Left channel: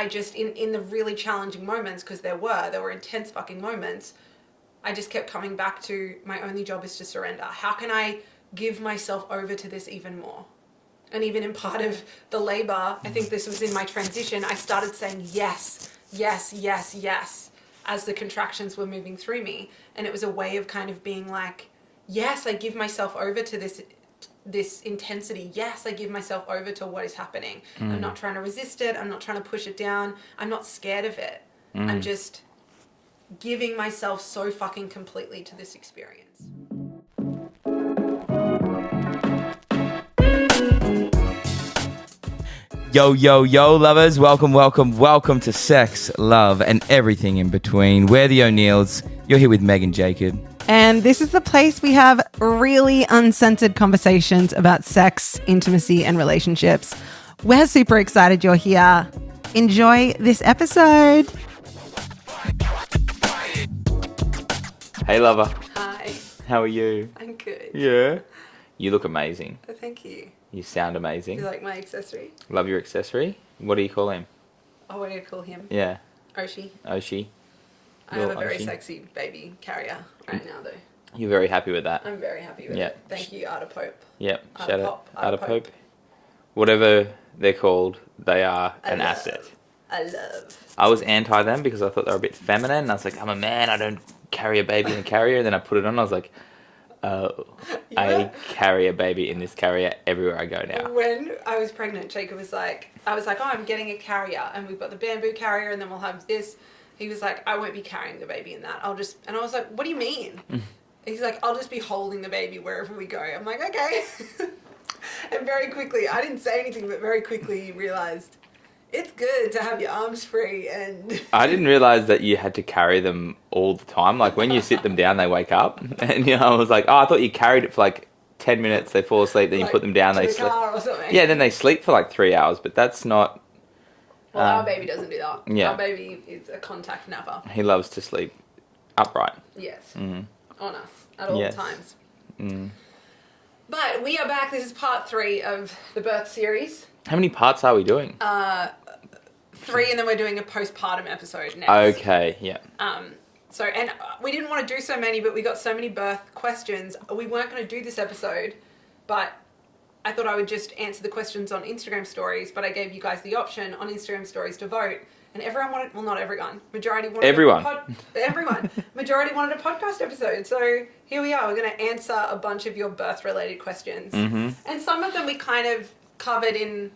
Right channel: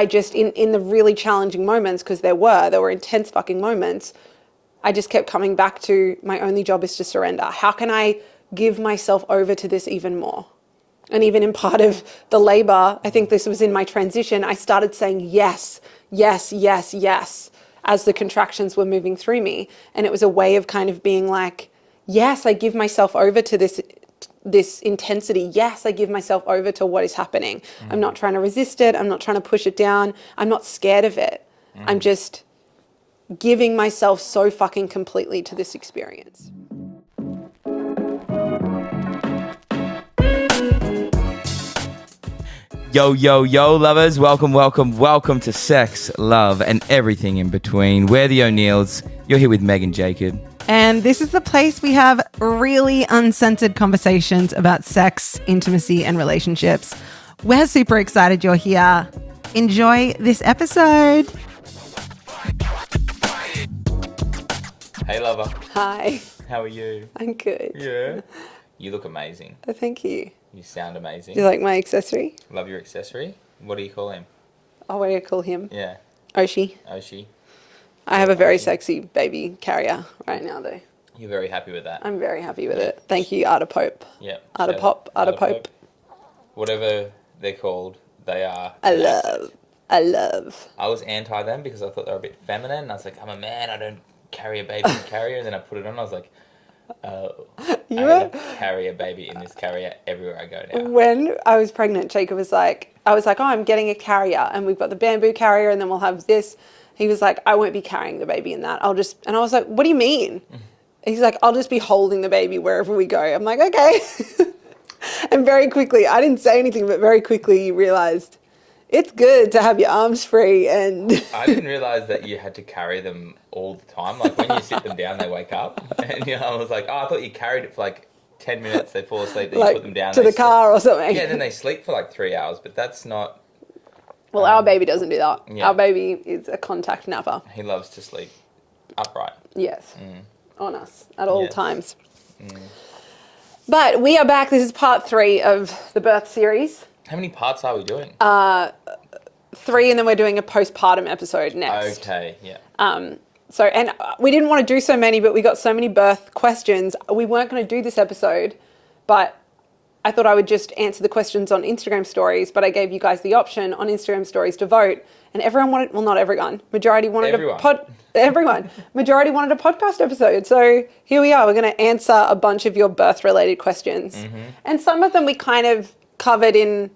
I just, in the really challenging moments, because there were intense fucking moments, I just kept coming back to my only job is to surrender. How can I give myself over to this even more? And even in part of the labor, I think this was in my transition, I started saying yes, yes, yes, yes, as the contractions were moving through me. And it was a way of kind of being like, yes, I give myself over to this intensity. Yes, I give myself over to what is happening. I'm not trying to resist it. I'm not trying to push it down. I'm not scared of it. I'm just giving myself so fucking completely to this experience. Yo, yo, yo, lovers. Welcome, welcome, welcome to Sex, Love, and everything in between. We're the O'Neills. You're here with Meg and Jacob. And this is the place we have really uncensored conversations about sex, intimacy, and relationships. We're super excited you're here. Enjoy this episode. Hey, lover. Hi. How are you? I'm good. Yeah. You look amazing. Oh, thank you. You sound amazing. Do you like my accessory? Love your accessory. What do you call him? Oh, what do you call him? Yeah. Oisin. Oisin. I have a very Oisin. sexy baby carrier right now, though. You're very happy with that? I'm very happy with Yeah. it. Thank you, Art of Pope. Yep. Art of Pop. Art of Pope. Whatever they're called, they are I an asset. love. I was anti them because I thought they were a bit feminine. And I was like, I'm a man. I don't carry a baby in a carrier. And then I put it on. I was like, oh, I carry a baby in this carrier everywhere I go now. When I was pregnant, Jacob was like, oh, I'm getting a carrier, and we've got the bamboo carrier, and then we'll have this. He was like, I won't be carrying the baby in that. And I was like, what do you mean? He's like, I'll just be holding the baby wherever we go. I'm like, okay. And very quickly, I didn't say anything, but very quickly you realized it's good to have your arms free. And I didn't realize that you had to carry them all the time. Like when you sit them down, they wake up. And I was like, oh, I thought you carried it for like 10 minutes. They fall asleep, then you put them down. To the car or something. Yeah, then they sleep for like 3 hours, but that's not... Well, our baby doesn't do that. Yeah. Our baby is a contact napper. He loves to sleep upright. Yes. On us at all Yes. times. But we are back. This is part 3 of the birth series. How many parts are we doing? 3, and then we're doing a postpartum episode next. Okay, yeah. So, and we didn't want to do so many, but we got so many birth questions. We weren't going to do this episode, but I thought I would just answer the questions on Instagram stories, but I gave you guys the option on Instagram stories to vote, and everyone wanted, well, not everyone, majority wanted majority wanted a podcast episode. So here we are. We're going to answer a bunch of your birth related questions. And some of them we kind of covered in,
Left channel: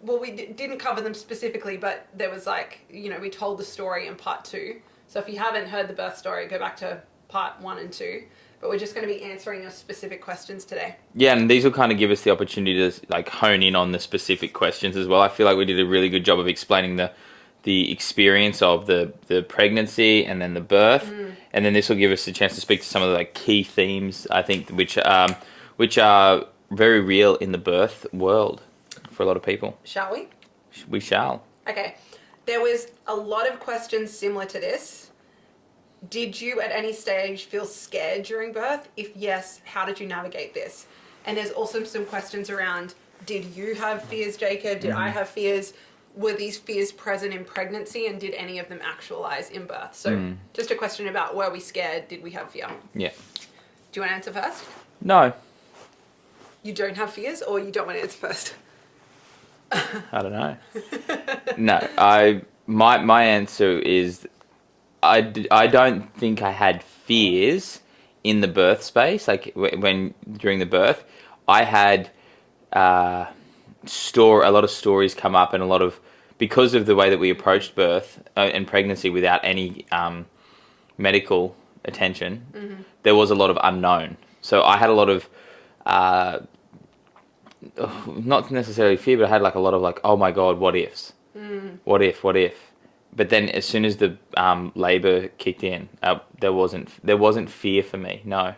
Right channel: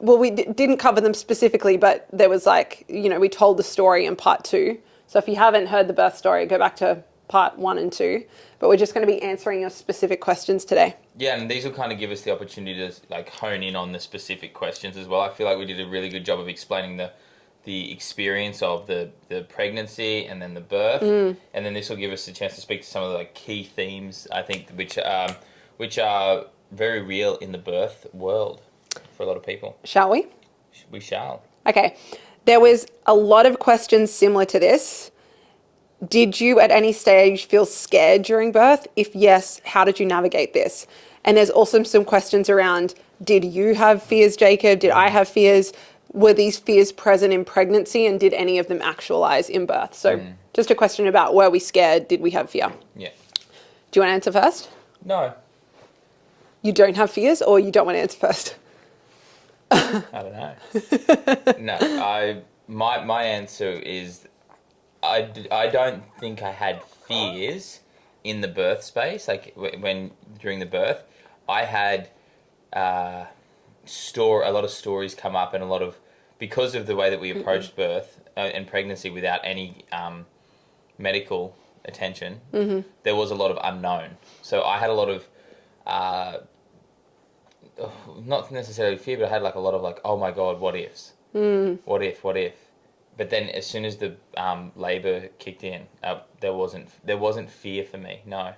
well, we didn't cover them specifically, but there was like, we told the story in part 2. So if you haven't heard the birth story, go back to part 1 and 2. But we're just going to be answering your specific questions today. Yeah, and these will kind of give us the opportunity to like hone in on the specific questions as well. I feel like we did a really good job of explaining the experience of the pregnancy and then the birth. And then this will give us a chance to speak to some of the like key themes, I think, which are very real in the birth world for a lot of people. Shall we? We shall. Okay. There was a lot of questions similar to this. Did you at any stage feel scared during birth? If yes, how did you navigate this? And there's also some questions around, did you have fears, Jacob? Did I have fears? Were these fears present in pregnancy, and did any of them actualize in birth? So just a question about, were we scared? Did we have fear? Yeah. Do you want to answer first? No. You don't have fears, or you don't want to answer first? I don't know. No, my answer is I don't think I had fears in the birth space. Like when during the birth, I had a lot of stories come up, and a lot of, because of the way that we approached birth and pregnancy without any medical attention, there was a lot of unknown. So I had a lot of not necessarily fear, but I had like a lot of like, oh my God, what ifs? What if? But then as soon as the labour kicked in, there wasn't fear for me, no.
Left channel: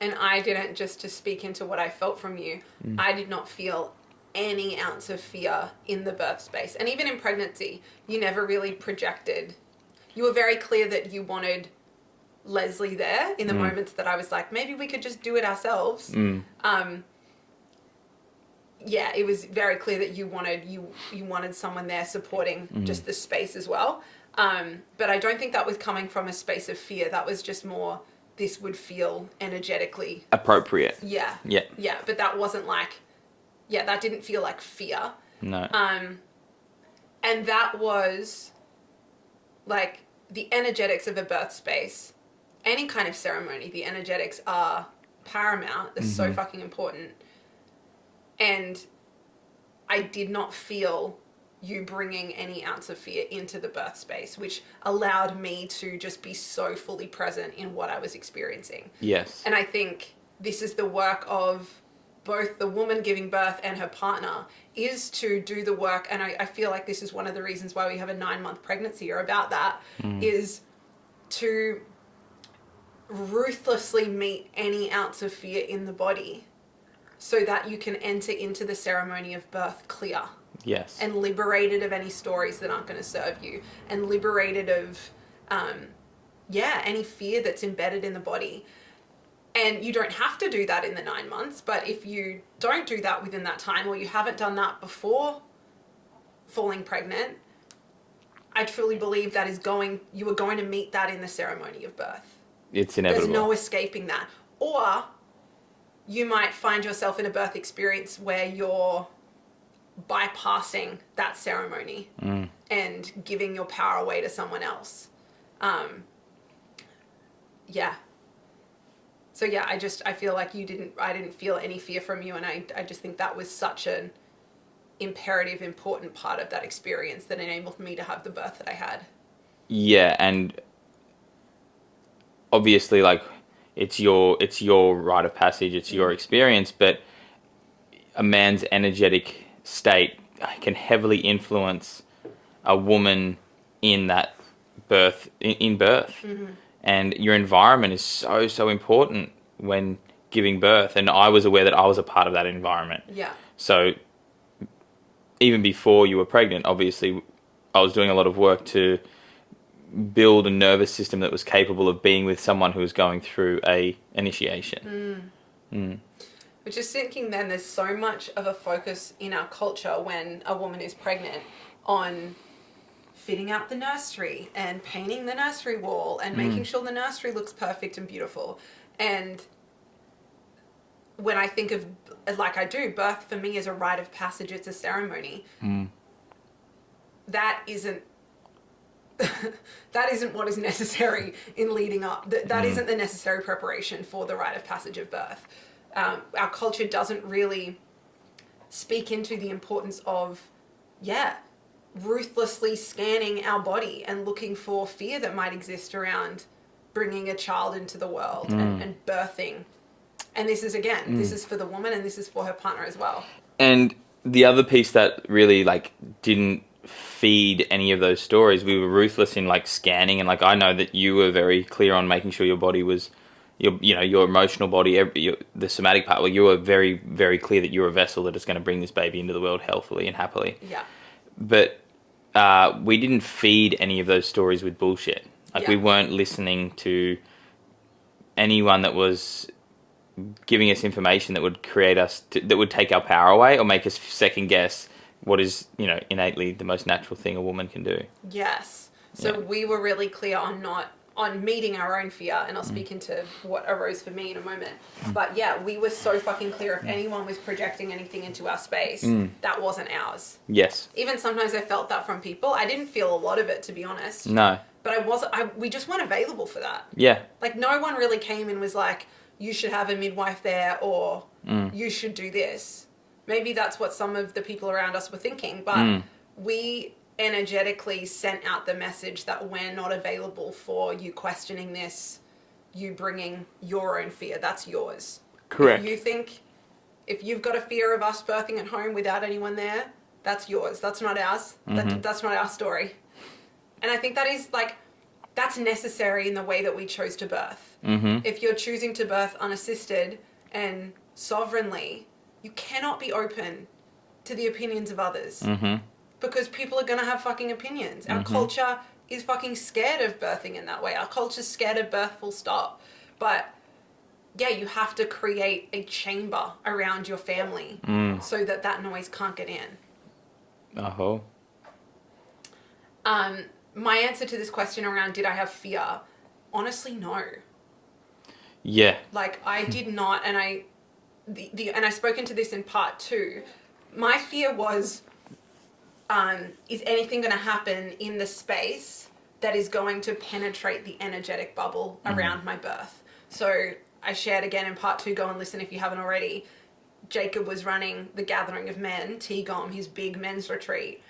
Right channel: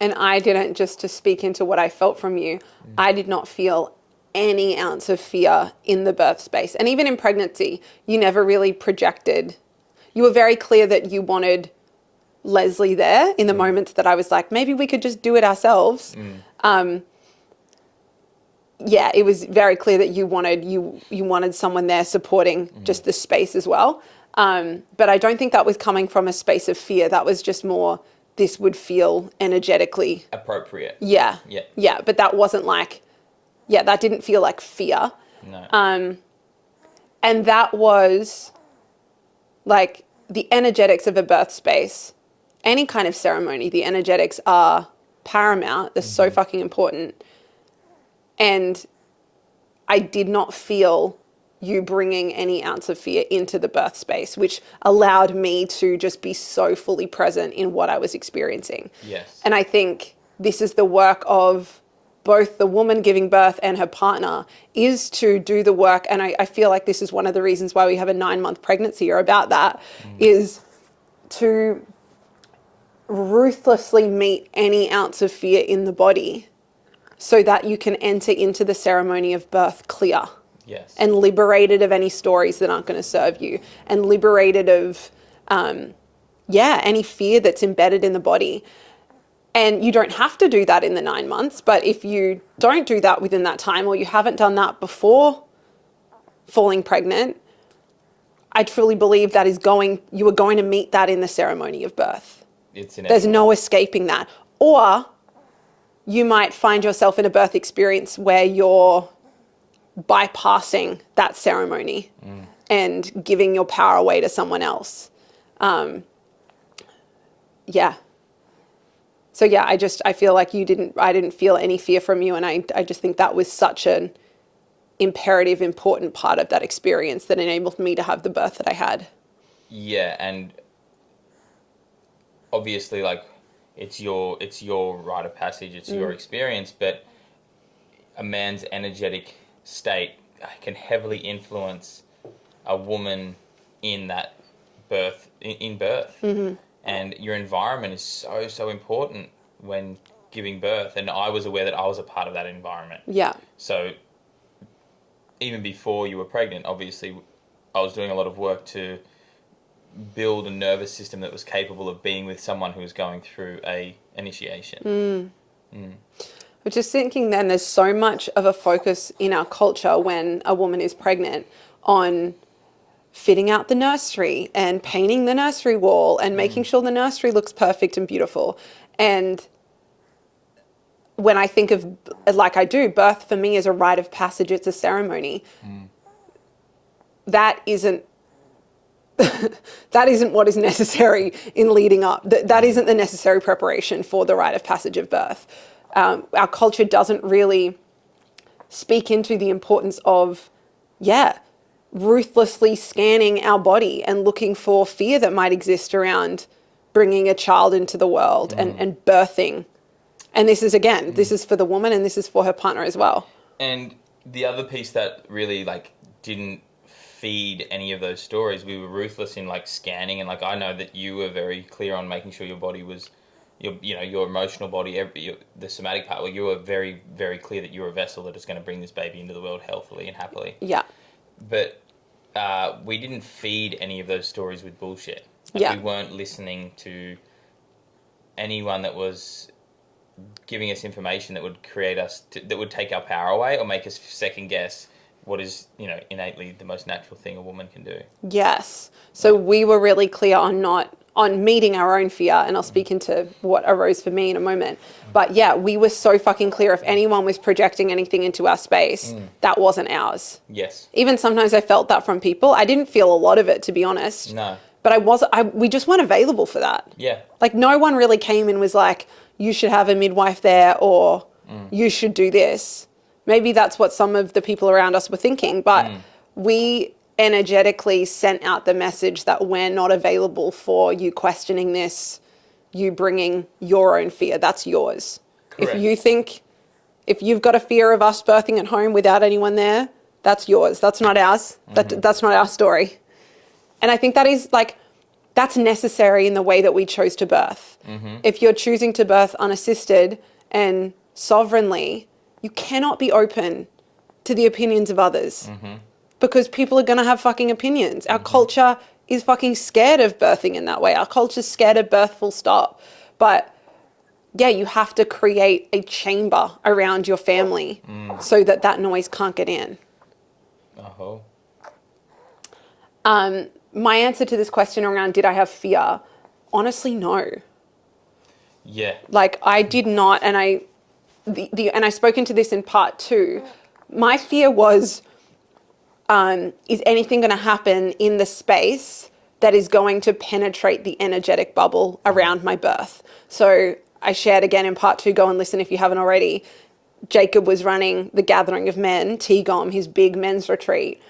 And I didn't, just to speak into what I felt from you, I did not feel any ounce of fear in the birth space. And even in pregnancy, you never really projected. You were very clear that you wanted Leslie there in the moments that I was like, maybe we could just do it ourselves. yeah, it was very clear that you wanted someone there supporting just the space as well. But I don't think that was coming from a space of fear. That was just more, this would feel energetically appropriate. Yeah. Yeah. Yeah. But that wasn't like, yeah, that didn't feel like fear. No. And that was like the energetics of a birth space. Any kind of ceremony, the energetics are paramount. They're so fucking important. And I did not feel you bringing any ounce of fear into the birth space, which allowed me to just be so fully present in what I was experiencing. Yes. And I think this is the work of both the woman giving birth and her partner, is to do the work. And I feel like this is one of the reasons why we have a 9-month pregnancy, or about that, is to ruthlessly meet any ounce of fear in the body so that you can enter into the ceremony of birth clear. Yes. And liberated of any stories that aren't going to serve you, and liberated of, any fear that's embedded in the body. And you don't have to do that in the 9 months, but if you don't do that within that time, or you haven't done that before falling pregnant, I truly believe that you are going to meet that in the ceremony of birth. It's inevitable. There's no escaping that. Or you might find yourself in a birth experience where you're bypassing that ceremony and giving your power away to someone else. So yeah, I feel like I didn't feel any fear from you. And I just think that was such an imperative, important part of that experience that enabled me to have the birth that I had. Yeah. And obviously, like, it's your rite of passage, it's your experience, but a man's energetic state can heavily influence a woman in that birth. And your environment is so important when giving birth. And I was aware that I was a part of that environment. Yeah. So even before you were pregnant, obviously, I was doing a lot of work to build a nervous system that was capable of being with someone who was going through a initiation. But just thinking then, there's so much of a focus in our culture when a woman is pregnant on fitting out the nursery and painting the nursery wall and making sure the nursery looks perfect and beautiful. And when I think of, like I do, birth for me is a rite of passage, it's a ceremony. That isn't what is necessary in leading up. That isn't the necessary preparation for the rite of passage of birth. Our culture doesn't really speak into the importance of, ruthlessly scanning our body and looking for fear that might exist around bringing a child into the world and birthing. And this is, again, this is for the woman and this is for her partner as well. And the other piece that really, like, didn't feed any of those stories, we were ruthless in, like, scanning. And, like, I know that you were very clear on making sure your body was, your emotional body, the somatic part, well, you were very, very clear that you're a vessel that is going to bring this baby into the world healthily and happily. Yeah. But we didn't feed any of those stories with bullshit. Like, we weren't listening to anyone that was giving us information that would create us, that would take our power away or make us second guess what is, innately the most natural thing a woman can do. Yes. So we were really clear on meeting our own fear, and I'll speak into what arose for me in a moment. But yeah, we were so fucking clear. If anyone was projecting anything into our space, that wasn't ours. Yes. Even sometimes I felt that from people. I didn't feel a lot of it, to be honest. No. But we just weren't available for that. Yeah. Like, no one really came and was like, you should have a midwife there, or you should do this. Maybe that's what some of the people around us were thinking, but we energetically sent out the message that we're not available for you questioning this, you bringing your own fear. That's yours. Correct. If you've got a fear of us birthing at home without anyone there, that's yours. That's not ours. That's not our story. And I think that is, like, that's necessary in the way that we chose to birth. If you're choosing to birth unassisted and sovereignly, you cannot be open to the opinions of others. Because people are going to have fucking opinions. Our culture is fucking scared of birthing in that way. Our culture's scared of birth, full stop. But yeah, you have to create a chamber around your family so that that noise can't get in. Oh. My answer to this question around did I have fear? Honestly, no. Yeah. Like I did not, and and I spoke into this in part 2. My fear was, is anything going to happen in the space that is going to penetrate the energetic bubble around my birth? So I shared again in part 2, go and listen if you haven't already. Jacob was running the Gathering of Men, Tigom, his big men's retreat.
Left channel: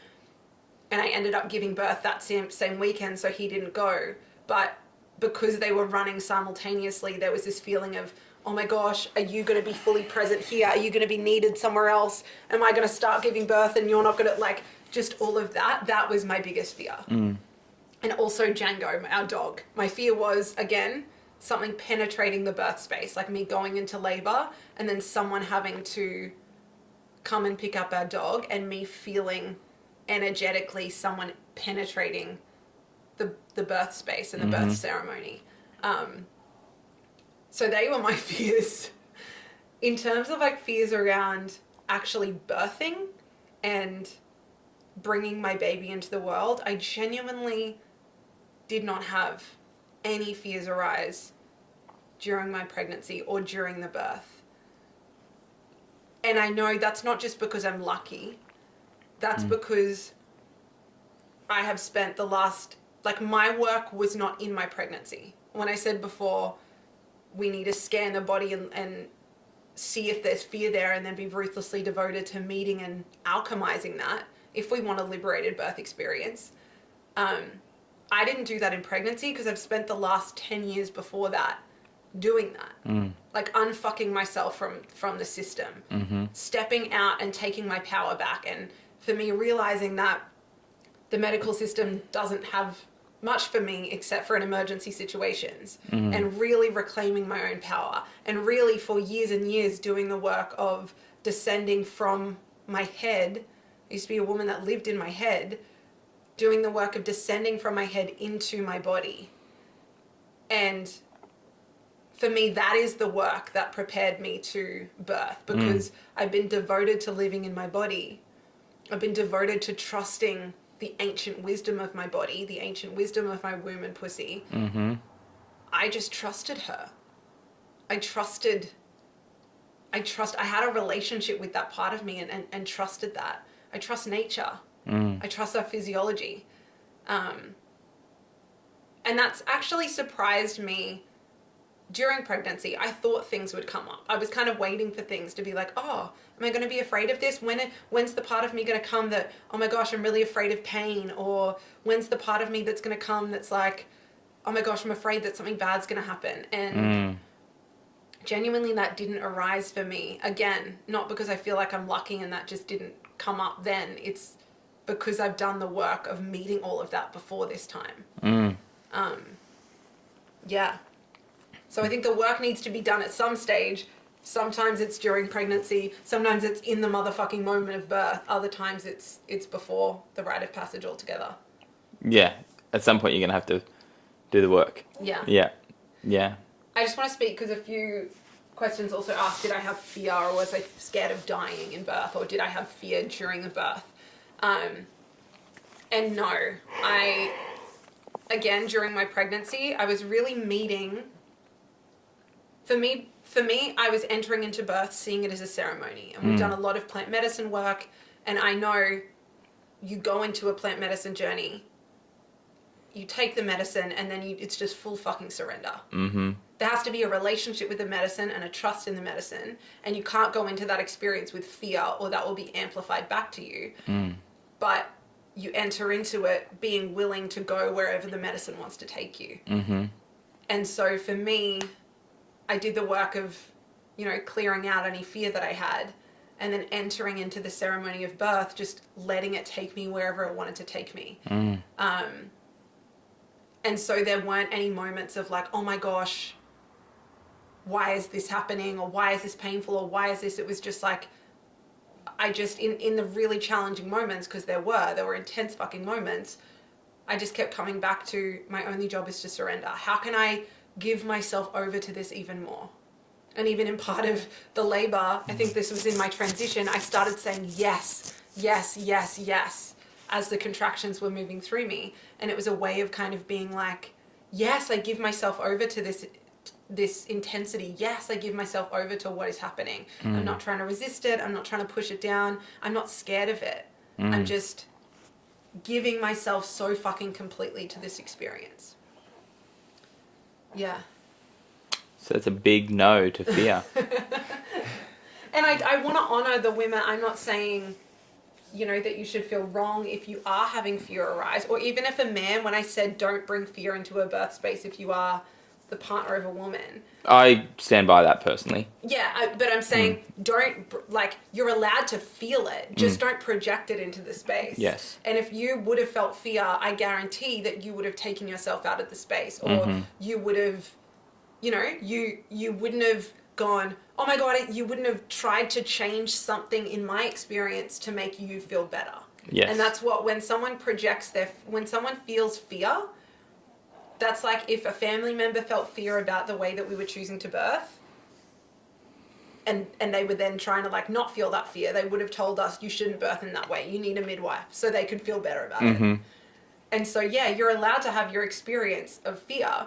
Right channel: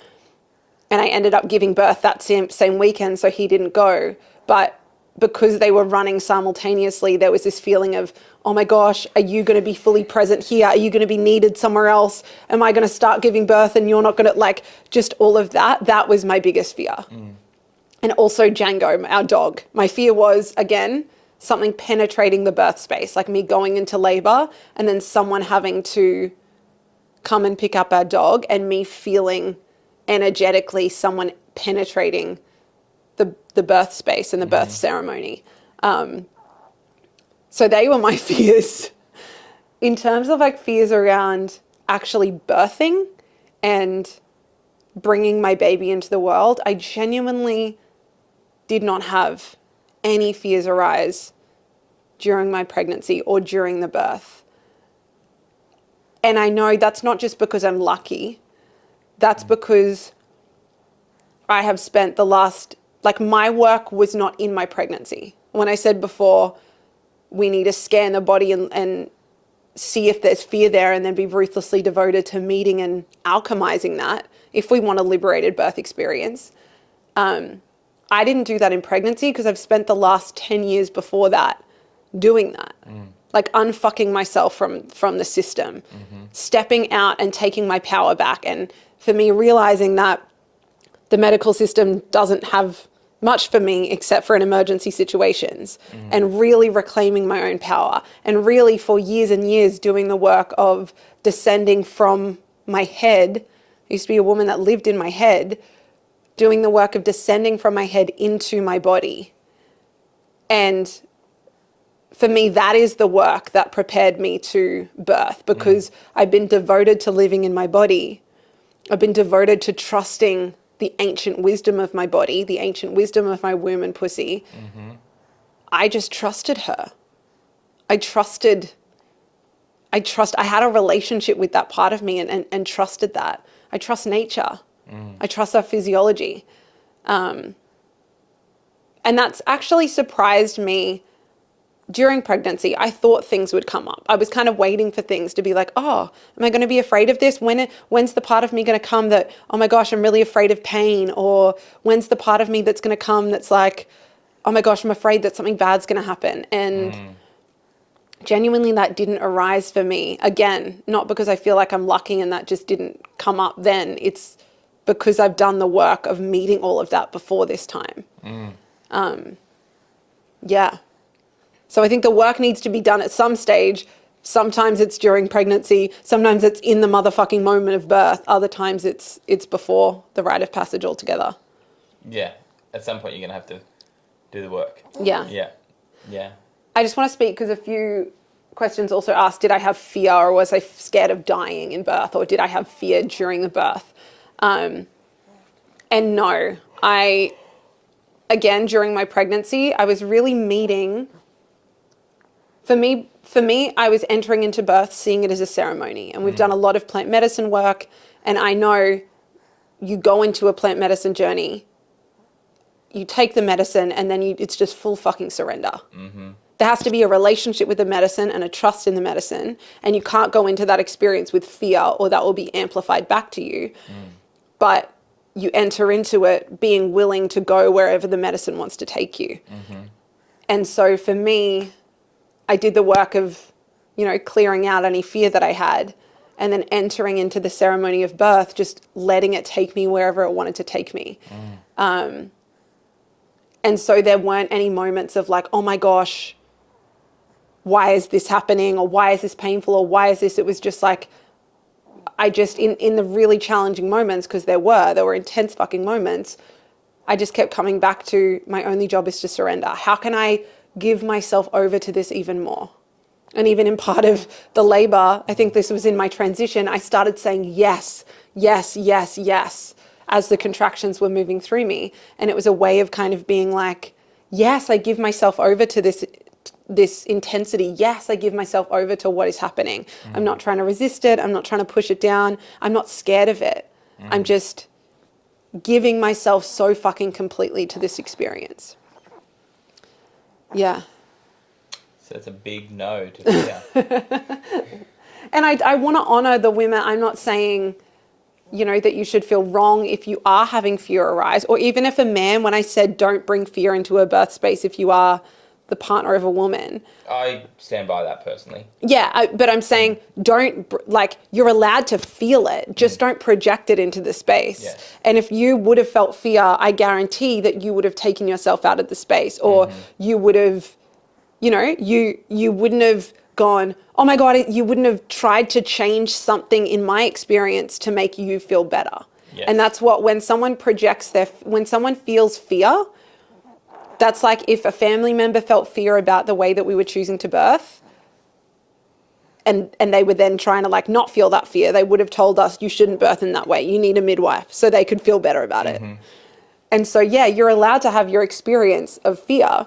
And I ended up giving birth that same weekend, so he didn't go. But because they were running simultaneously, there was this feeling of, oh my gosh, are you going to be fully present here? Are you going to be needed somewhere else? Am I going to start giving birth and you're not going to, like, just all of that? That was my biggest fear. And also Django, our dog. My fear was, again, something penetrating the birth space, like me going into labor and then someone having to come and pick up our dog and me feeling energetically someone penetrating the birth space and the birth ceremony. So they were my fears. In terms of like fears around actually birthing and bringing my baby into the world, I genuinely did not have any fears arise during my pregnancy or during the birth. And I know that's not just because I'm lucky. That's because I have spent the last, like my work was not in my pregnancy. When I said before, we need to scan the body and see if there's fear there and then be ruthlessly devoted to meeting and alchemizing that if we want a liberated birth experience. I didn't do that in pregnancy because I've spent the last 10 years before that doing that. Like unfucking myself from the system, stepping out and taking my power back. And for me, realizing that the medical system doesn't have much for me except for in emergency situations, and really reclaiming my own power, and really for years and years doing the work of descending from my head. I used to be a woman that lived in my head, doing the work of descending from my head into my body. And for me, that is the work that prepared me to birth, because I've been devoted to living in my body. I've been devoted to trusting the ancient wisdom of my body, the ancient wisdom of my womb and pussy. I just trusted her. I had a relationship with that part of me and trusted that. I trust nature. I trust our physiology. And that's actually surprised me. During pregnancy, I thought things would come up. I was kind of waiting for things to be like, oh, am I going to be afraid of this? When's the part of me going to come that, oh my gosh, I'm really afraid of pain? Or when's the part of me that's going to come that's like, oh my gosh, I'm afraid that something bad's going to happen? And genuinely that didn't arise for me. Again, not because I feel like I'm lucky and that just didn't come up then. It's because I've done the work of meeting all of that before this time. Yeah. So I think the work needs to be done at some stage. Sometimes it's during pregnancy. Sometimes it's in the motherfucking moment of birth. Other times it's before the rite of passage altogether. Yeah. At some point, you're going to have to do the work. Yeah. Yeah. Yeah. I just want to speak because a few questions also asked, did I have fear or was I scared of dying in birth, or did I have fear during the birth? And no, again, during my pregnancy, I was really meeting... For me, I was entering into birth, seeing it as a ceremony. And we've done a lot of plant medicine work. And I know you go into a plant medicine journey, you take the medicine, and then it's just full fucking surrender. There has to be a relationship with the medicine and a trust in the medicine. And you can't go into that experience with fear, or that will be amplified back to you. But you enter into it being willing to go wherever the medicine wants to take you. And so for me... I did the work of, clearing out any fear that I had, and then entering into the ceremony of birth, just letting it take me wherever it wanted to take me. And so there weren't any moments of like, oh my gosh, why is this happening? Or why is this painful? Or why is this? It was just like, I just, in the really challenging moments, because there were intense fucking moments, I just kept coming back to my only job is to surrender. How can I give myself over to this even more? And even in part of the labor, I think this was in my transition, I started saying yes, yes, yes, yes, as the contractions were moving through me. And it was a way of kind of being like, yes, I give myself over to this intensity. Yes, I give myself over to what is happening. I'm not trying to resist it. I'm not trying to push it down. I'm not scared of it. I'm just giving myself so fucking completely to this experience. Yeah. So it's a big no to fear. And I want to honor the women. I'm not saying, that you should feel wrong if you are having fear arise, or even if a man, when I said don't bring fear into a birth space if you are the partner of a woman. I stand by that personally. Yeah, but I'm saying you're allowed to feel it, just don't project it into the space. Yes. And if you would have felt fear, I guarantee that you would have taken yourself out of the space, or you would have, you wouldn't have gone, oh my God, you wouldn't have tried to change something in my experience to make you feel better. Yes. And that's what, when someone when someone feels fear, that's like if a family member felt fear about the way that we were choosing to birth, and they were then trying to not feel that fear, they would have told us, you shouldn't birth in that way. You need a midwife, so they could feel better about it. And so, yeah, you're allowed to have your experience of fear,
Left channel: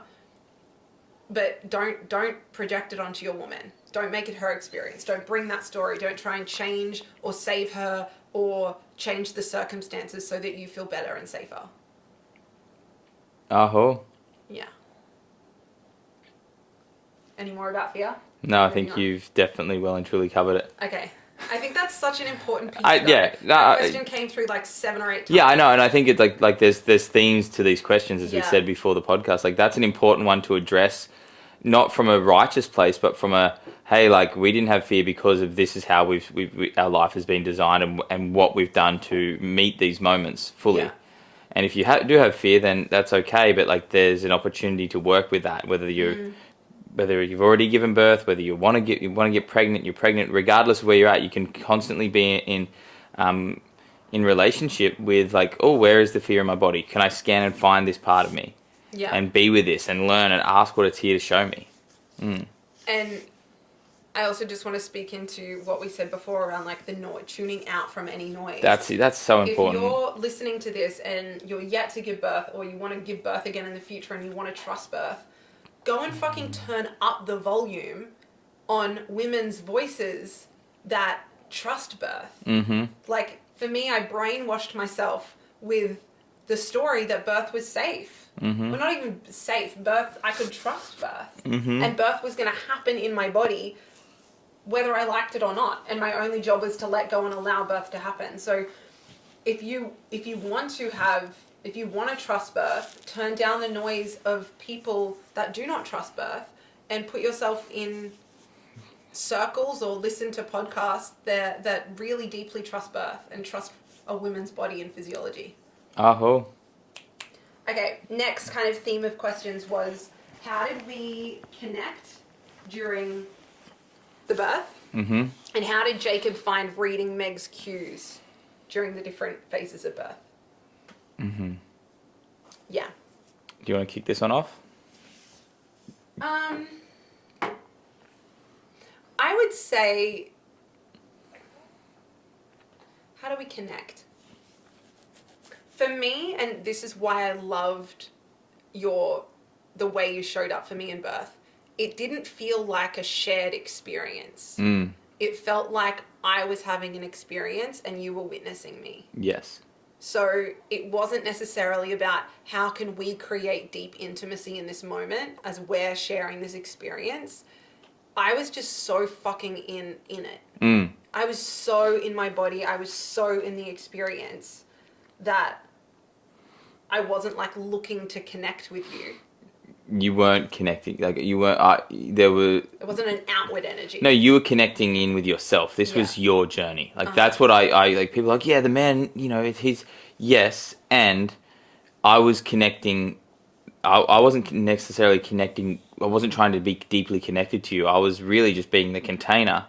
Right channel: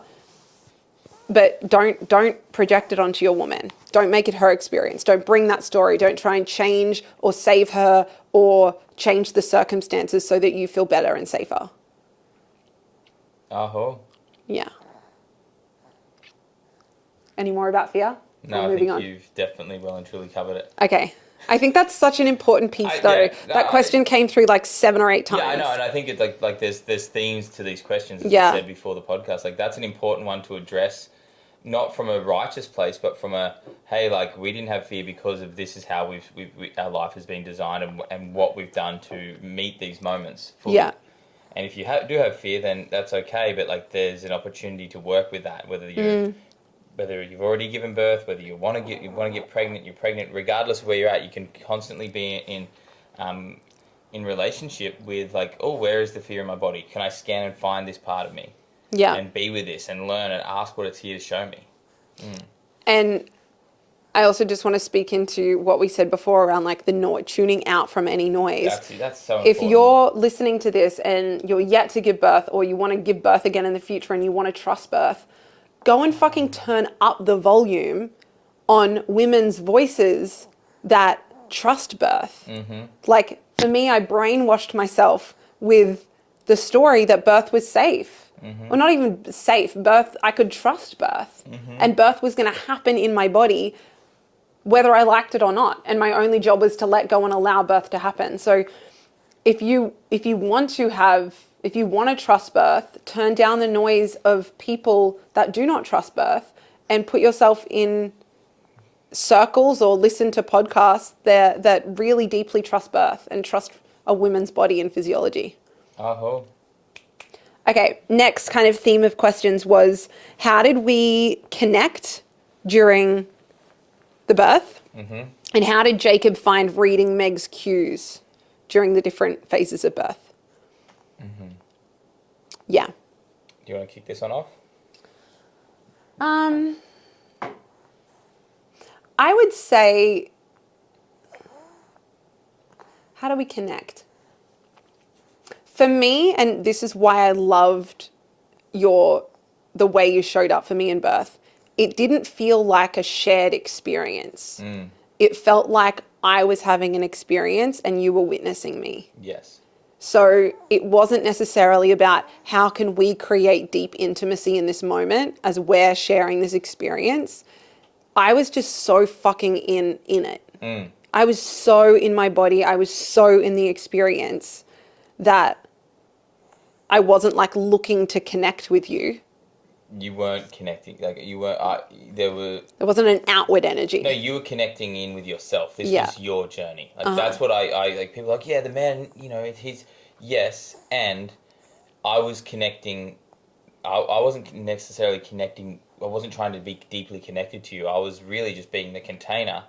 but don't project it onto your woman. Don't make it her experience. Don't bring that story. Don't try and change or save her or change the circumstances so that you feel better and safer. Aho. Yeah. Any more about fear? No, I think you've definitely well and truly covered it. Okay. I think that's such an important piece, though. That question came through 7 or 8 times. Yeah, I know, and I think it's like there's themes to these questions, as we said before the podcast. That's an important one to address, not from a righteous place, but from a, hey, we didn't have fear because of this is how our life has been designed and what we've done to meet these moments fully. Yeah. And if you do have fear, then that's okay, but there's an opportunity to work with that, whether you've already given birth, whether you want to get pregnant, you're pregnant, regardless of where you're at, you can constantly be in relationship with where is the fear in my body? Can I scan and find this part of me? Yeah. And be with this and learn and ask what it's here to show me. And I also just want to speak into what we said before around the noise, tuning out from any noise. That's so important. If you're listening to this and you're yet to give birth, or you want to give birth again in the future and you want to trust birth, go and fucking turn up the volume on women's voices that trust birth. For me, I brainwashed myself with the story that birth was safe. Well, not even safe. Birth, I could trust birth. And birth was going to happen in my body whether I liked it or not. And my only job was to let go and allow birth to happen. So if you want to trust birth, turn down the noise of people that do not trust birth and put yourself in circles or listen to podcasts that really deeply trust birth and trust a woman's body and physiology. Aho. Okay, next kind of theme of questions was, how did we connect during the birth? And how did Jacob find reading Meg's cues during the different phases of birth? Yeah. Do you want to kick this one off? I would say, how do we connect? For me, and this is why I loved the way you showed up for me in birth, it didn't feel like a shared experience. It felt like I was having an experience and you were witnessing me. Yes. So it wasn't necessarily about how can we create deep intimacy in this moment as we're sharing this experience. I was just so fucking in it. I was so in my body. I was so in the experience that I wasn't looking to connect with you. You weren't connecting. You weren't. There wasn't an outward energy. No, you were connecting in with yourself. This was your journey. That's what I people are yeah, the man, he's yes, and I was connecting. I wasn't necessarily connecting. I wasn't trying to be deeply connected to you. I was really just being the container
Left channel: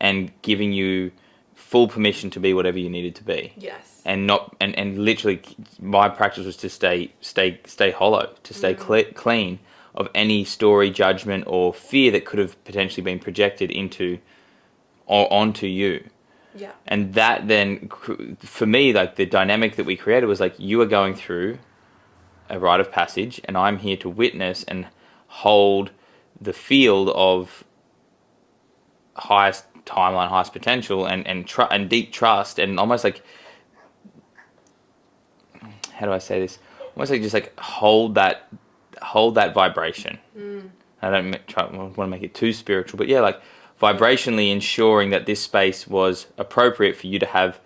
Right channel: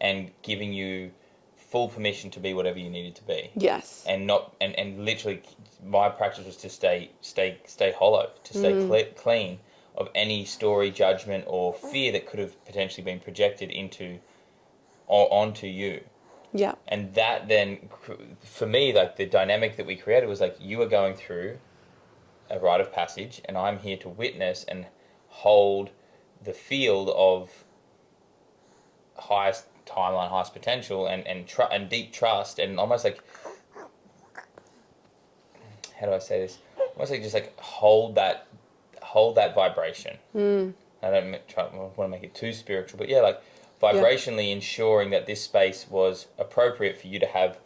and giving you full permission to be whatever you needed to be. Yes. And literally my practice was to stay hollow, to stay clean of any story, judgment, or fear that could have potentially been projected into or onto you. Yeah. And that then, for me, like the dynamic that we created was like, you are going through a rite of passage, and I'm here to witness and hold the field of highest timeline, highest potential, and deep trust, and almost like, how do I say this? Almost like just like hold that vibration. I don't want to make it too spiritual, but yeah, like vibrationally ensuring that this space was appropriate for you to have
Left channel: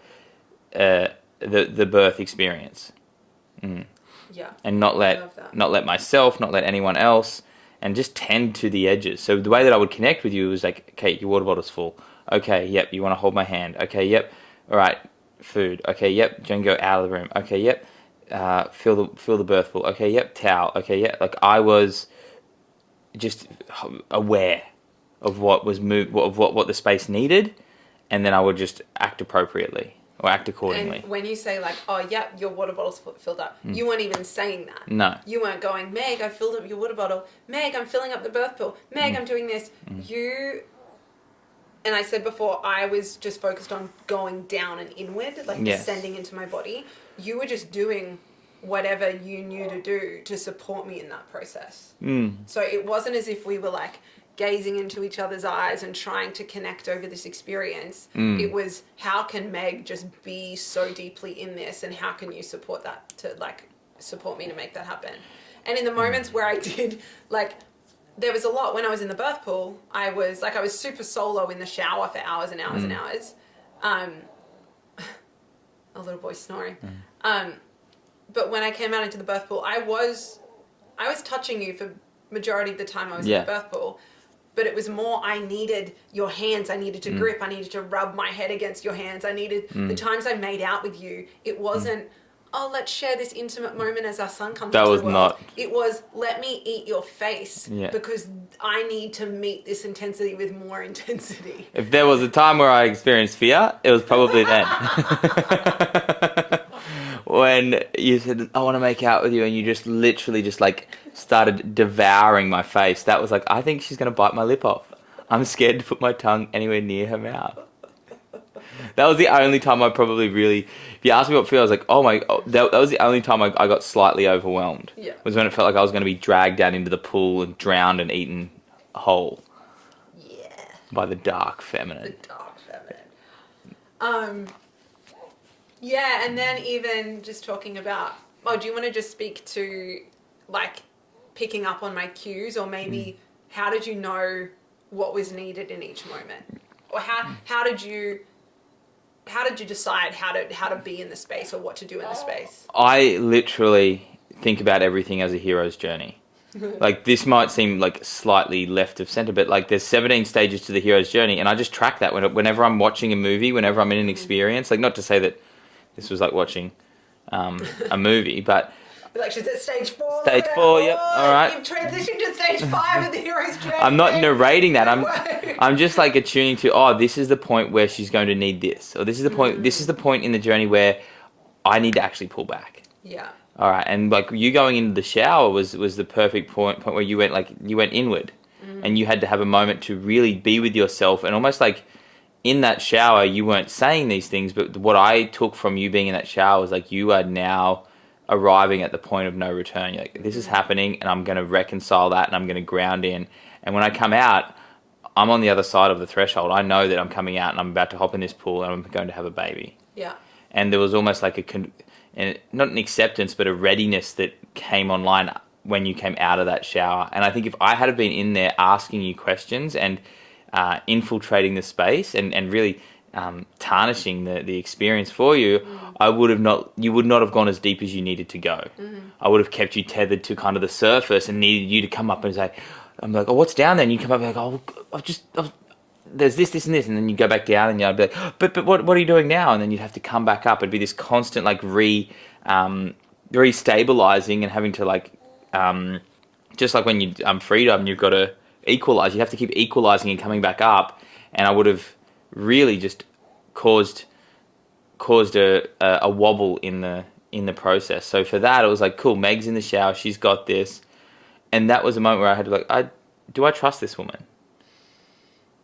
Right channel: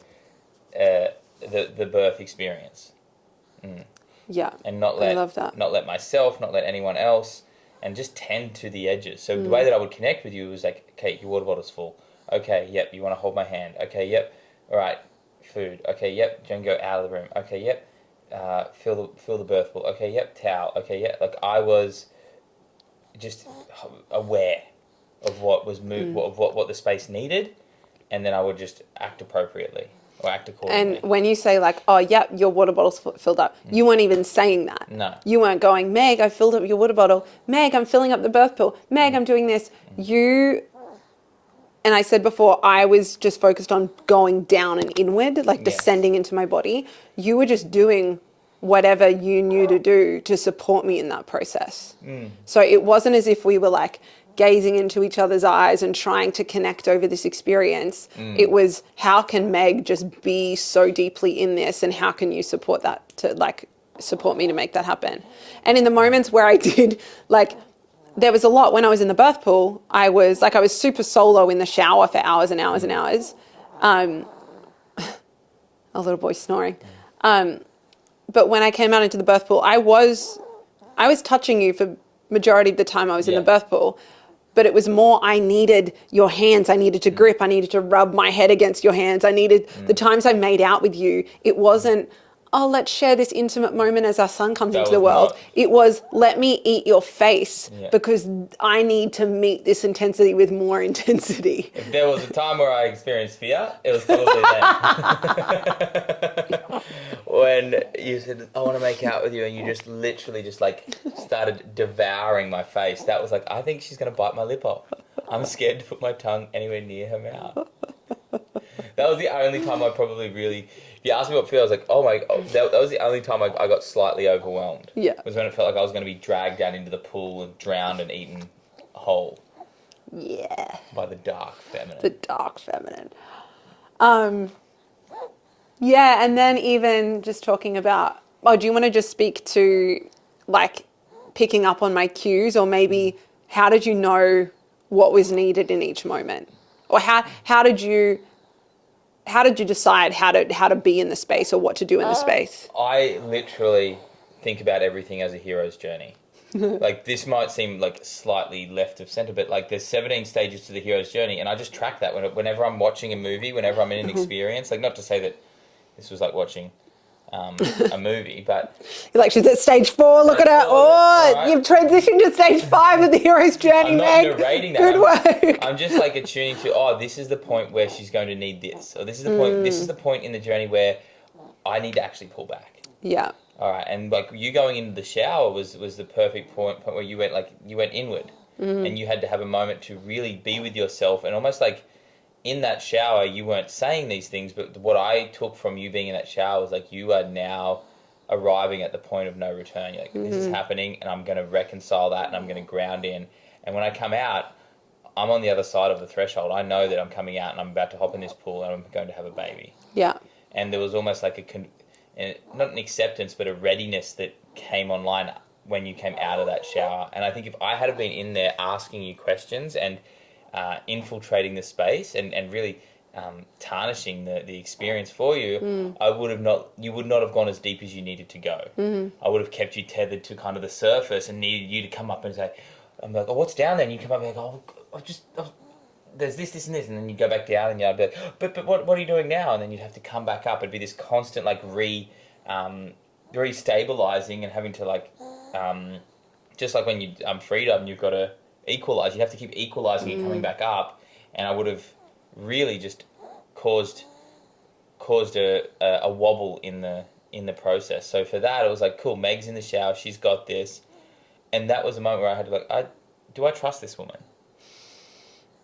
the birth experience. Yeah. And not I love that. let myself, not let anyone else, and just tend to the edges. So the way that I would connect with you was like, okay, your water bottle's full. Okay, yep, you want to hold my hand. Okay, yep, all right, food. Okay, yep, don't go out of the room. Okay, yep, feel the birth pool. Okay, yep, towel. Okay, yeah, like I was just aware of what was of what the space needed, and then I would just act appropriately or act accordingly. And when you say like, oh, yeah, your water bottle's filled up, you weren't even saying that. No. You weren't going, Meg, I filled up your water bottle. Meg, I'm filling up the birth pool. Meg, I'm doing this. And I said before, I was just focused on going down and inward, like descending into my body. You were just doing whatever you knew to do to support me in that process. So it wasn't as if we were like gazing into each other's eyes and trying to connect over this experience. It was, how can Meg just be so deeply in this, and how can you support that, to like support me to make that happen? And in the moments where I did, like, there was a lot when I was in the birth pool. I was super solo in the shower for hours and hours and hours. A little boy snoring. But when I came out into the birth pool, I was touching you for majority of the time I was in the birth pool. But it was more, I needed your hands. I needed to grip. I needed to rub my head against your hands. I needed the times I made out with you. It wasn't, oh, let's share this intimate moment as our son comes into the world. It was, let me eat your face because I need to meet this intensity with more intensity. If there was a time where I experienced fear, it was probably then. When you said, I want to make out with you, and you just literally just like started devouring my face. That was like, I think she's going to bite my lip off. I'm scared to put my tongue anywhere near her mouth. That was the only time I probably really, if you asked me what feel, I was like, that was the only time I got slightly overwhelmed. Yeah. Was when it felt like I was going to be dragged down into the pool and drowned and eaten whole. Yeah. By the dark feminine. The dark feminine. Yeah, and then even just talking about, do you want to just speak to like picking up on my cues, or maybe how did you know what was needed in each moment? Or how did you decide how to be in the space, or what to do in the space? I literally think about everything as a hero's journey. Like, this might seem like slightly left of center, but like there's 17 stages to the hero's journey, and I just track that whenever I'm watching a movie, whenever I'm in an experience. Like, not to say that this was like watching a movie, but You're like, she's at stage 4. Look at her. Four, yeah. Right. You've transitioned to stage 5 of the hero's journey. I'm not narrating that. Good I'm just like attuning to, this is the point where she's going to need this, or this is the point. This is the point in the journey where I need to actually pull back. Yeah. All right, and like you going into the shower was the perfect point where you went inward, and you had to have a moment to really be with yourself, and almost like in that shower you weren't saying these things, but what I took from you being in that shower was like, you are now arriving at the point of no return. You're like, this is happening, and I'm going to reconcile that, and I'm going to ground in, and when I come out, I'm on the other side of the threshold. I know that I'm coming out and I'm about to hop in this pool and I'm going to have a baby. Yeah. And there was almost like not an acceptance, but a readiness that came online when you came out of that shower. And I think if I had been in there asking you questions and infiltrating the space and really tarnishing the experience for you, you would not have gone as deep as you needed to go. I would have kept you tethered to kind of the surface and needed you to come up and say, I'm like, what's down there? And you come up and like, there's this and this, and then you go back down, and I'd be like, but what are you doing now? And then you'd have to come back up. It'd be this constant like re-stabilizing and having to like just like when you freedom, you've got to equalize. You have to keep equalizing and coming back up. And I would have really just caused a wobble in the process. So for that, it was like, cool, Meg's in the shower, she's got this. And that was a moment where I had to do I trust this woman?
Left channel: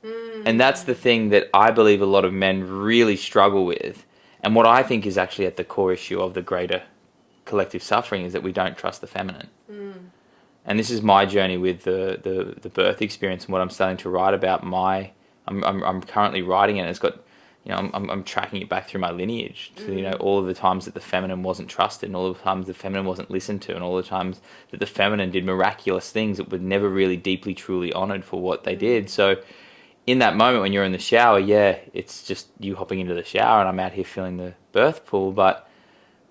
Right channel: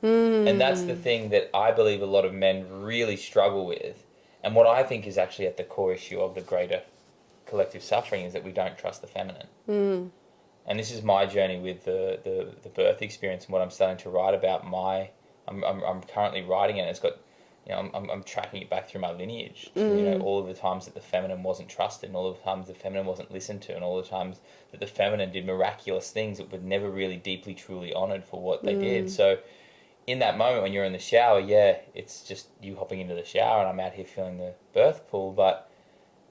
And that's the thing that I believe a lot of men really struggle with. And what I think is actually at the core issue of the greater collective suffering is that we don't trust the feminine. And this is my journey with the birth experience and what I'm starting to write about. I'm currently writing it, and it's got, I'm tracking it back through my lineage to, all of the times that the feminine wasn't trusted, and all of the times the feminine wasn't listened to, and all the times that the feminine did miraculous things that were never really deeply, truly honored for what they did. So in that moment when you're in the shower, yeah, it's just you hopping into the shower and I'm out here feeling the birth pool. But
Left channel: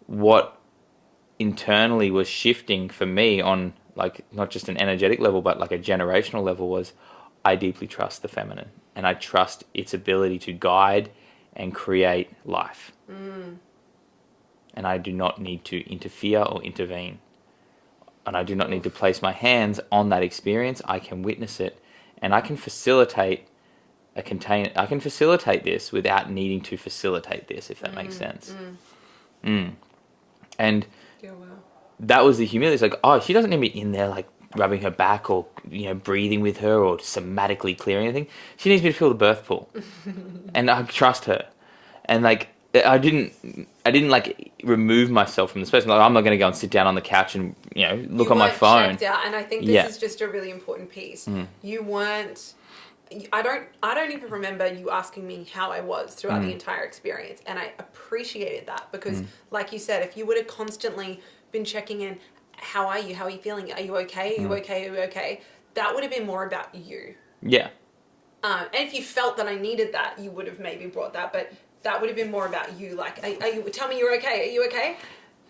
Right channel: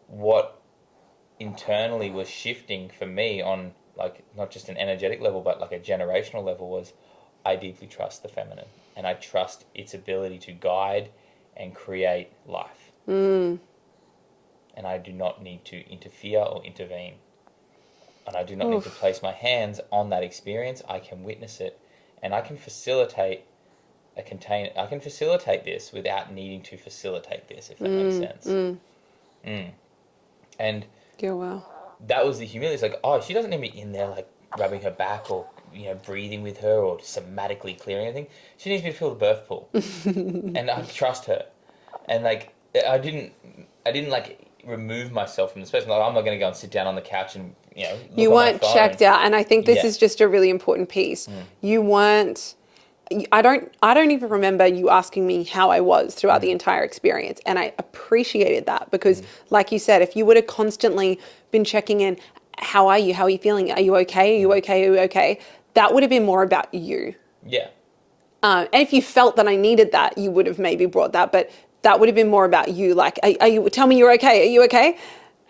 what internally was shifting for me on like not just an energetic level, but like a generational level was I deeply trust the feminine and I trust its ability to guide and create life. And I do not need to interfere or intervene. And I do not need to place my hands on that experience. I can witness it and I can facilitate I can facilitate this without needing to facilitate this, if that makes sense. And Yeah, wow. that was the humility. It's like, oh, she doesn't need me in there like rubbing her back or breathing with her or somatically clearing anything. She needs me to feel the birth pool, and I trust her. And like I didn't like remove myself from the space. Like I'm not going to go and sit down on the couch and look on my phone. You weren't checked out, and I think this is just a really important piece. You weren't. I don't even remember you asking me how I was throughout the entire experience. And I appreciated that because like you said, if you would have constantly been checking in, how are you? How are you feeling? Are you okay? Are you okay? Are you okay? That would have been more about you. Yeah. And if you felt that I needed that, you would have maybe brought that, but that would have been more about you. Like, are you, tell me you're okay. Are you okay?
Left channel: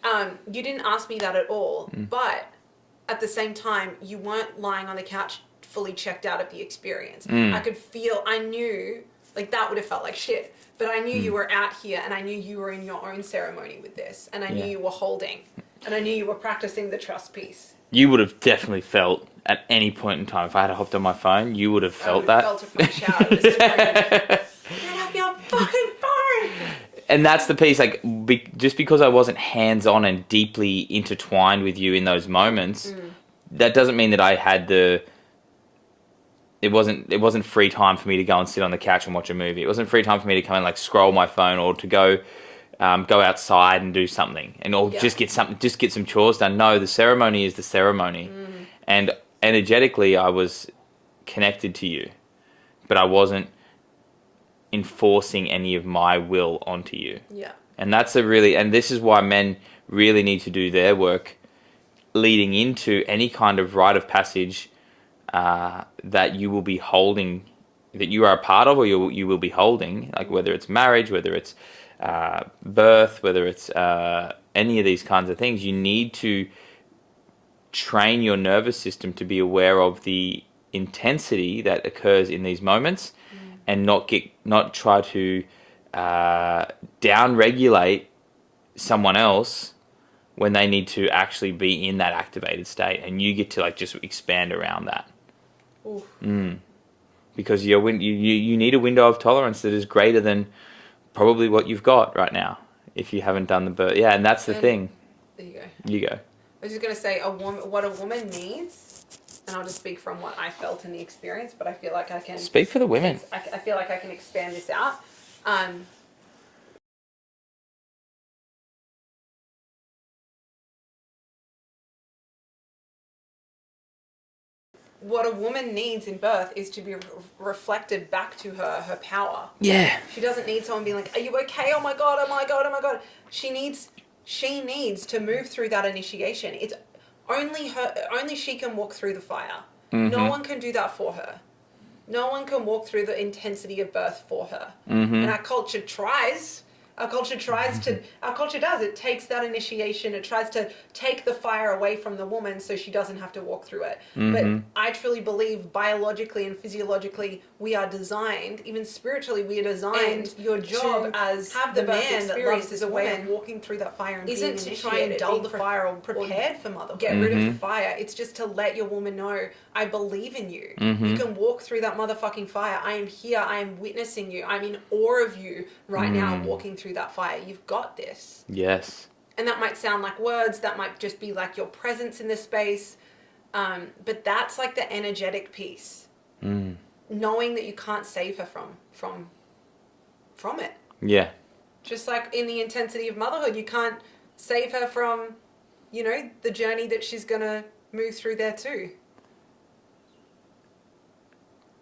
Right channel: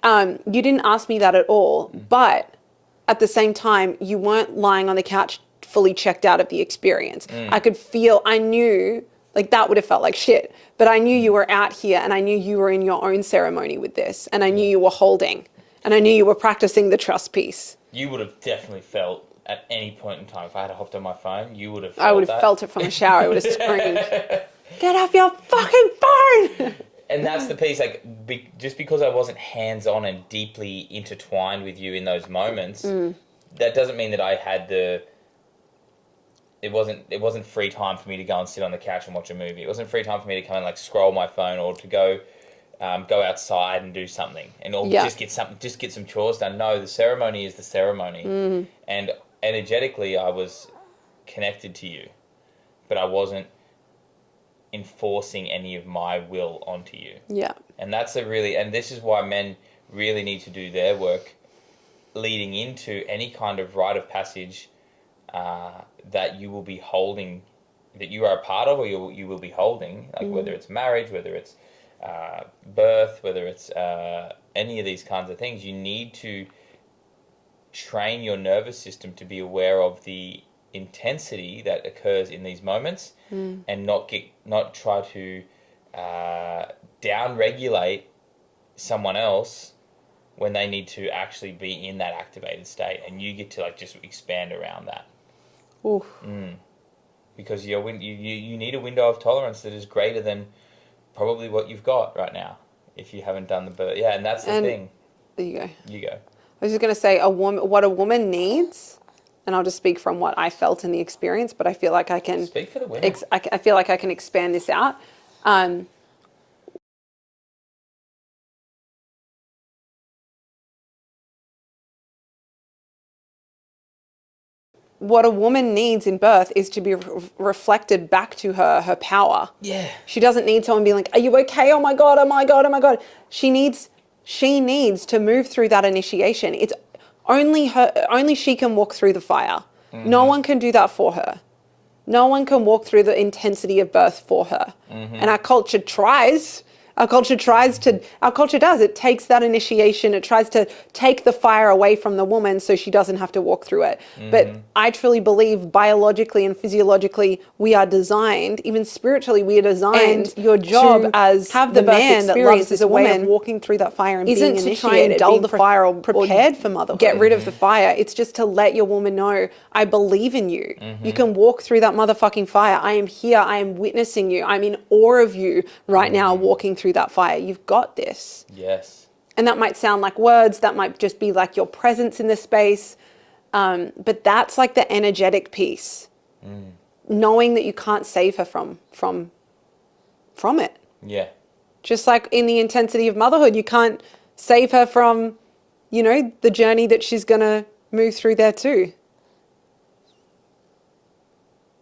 You didn't ask me that at all, but at the same time, you weren't lying on the couch fully checked out of the experience. I knew like that would have felt like shit, but I knew you were out here and I knew you were in your own ceremony with this and I knew you were holding and I knew you were practicing the trust piece. You would have definitely felt at any point in time, if I had hopped on my phone, you would have felt that. I would have felt it from the shower. I would have screamed, get off your fucking phone! And that's the piece, like, just because I wasn't hands-on and deeply intertwined with you in those moments, that doesn't mean that I had it wasn't free time for me to go and sit on the couch and watch a movie. It wasn't free time for me to come and like scroll my phone or to go outside and do something just get some chores done. No, the ceremony is the ceremony. And energetically I was connected to you, but I wasn't enforcing any of my will onto you. Yeah. And and this is why men really need to do their work leading into any kind of rite of passage that you will be holding, that you are a part of, or you will be holding, like whether it's marriage, whether it's birth, whether it's any of these kinds of things. You need to train your nervous system to be aware of the intensity that occurs in these moments, and not try to down regulate someone else when they need to actually be in that activated state, and you get to like just expand around that. Oof. Because you need a window of tolerance that is greater than probably what you've got right now if you haven't done the birth. Yeah, and that's the thing. There you go. You go. I was just going to say what a woman needs, and I'll just speak from what I felt in the experience, but I feel like I can... Speak for the women. I feel like I can expand this out. What a woman needs in birth is to be reflected back to her power. Yeah. She doesn't need someone being like, are you okay? Oh my God, oh my God, oh my God. She needs to move through that initiation. It's only she can walk through the fire. No one can do that for her. No one can walk through the intensity of birth for her. And our culture tries. Our culture does. It takes that initiation. It tries to take the fire away from the woman so she doesn't have to walk through it. But I truly believe biologically and physiologically we are designed, even spiritually we are designed. And your job as have the man that loves as a woman walking through that fire and isn't being to try and dull the fire or prepared for motherhood. Get rid of the fire. It's just to let your woman know, I believe in you. You can walk through that motherfucking fire. I am here. I am witnessing you. I'm in awe of you right now walking through that fire. You've got this. Yes. And that might sound like words. That might just be like your presence in the space. But that's like the energetic piece. Knowing that you can't save her from it. Yeah. Just like in the intensity of motherhood, you can't save her from, the journey that she's going to move through there too.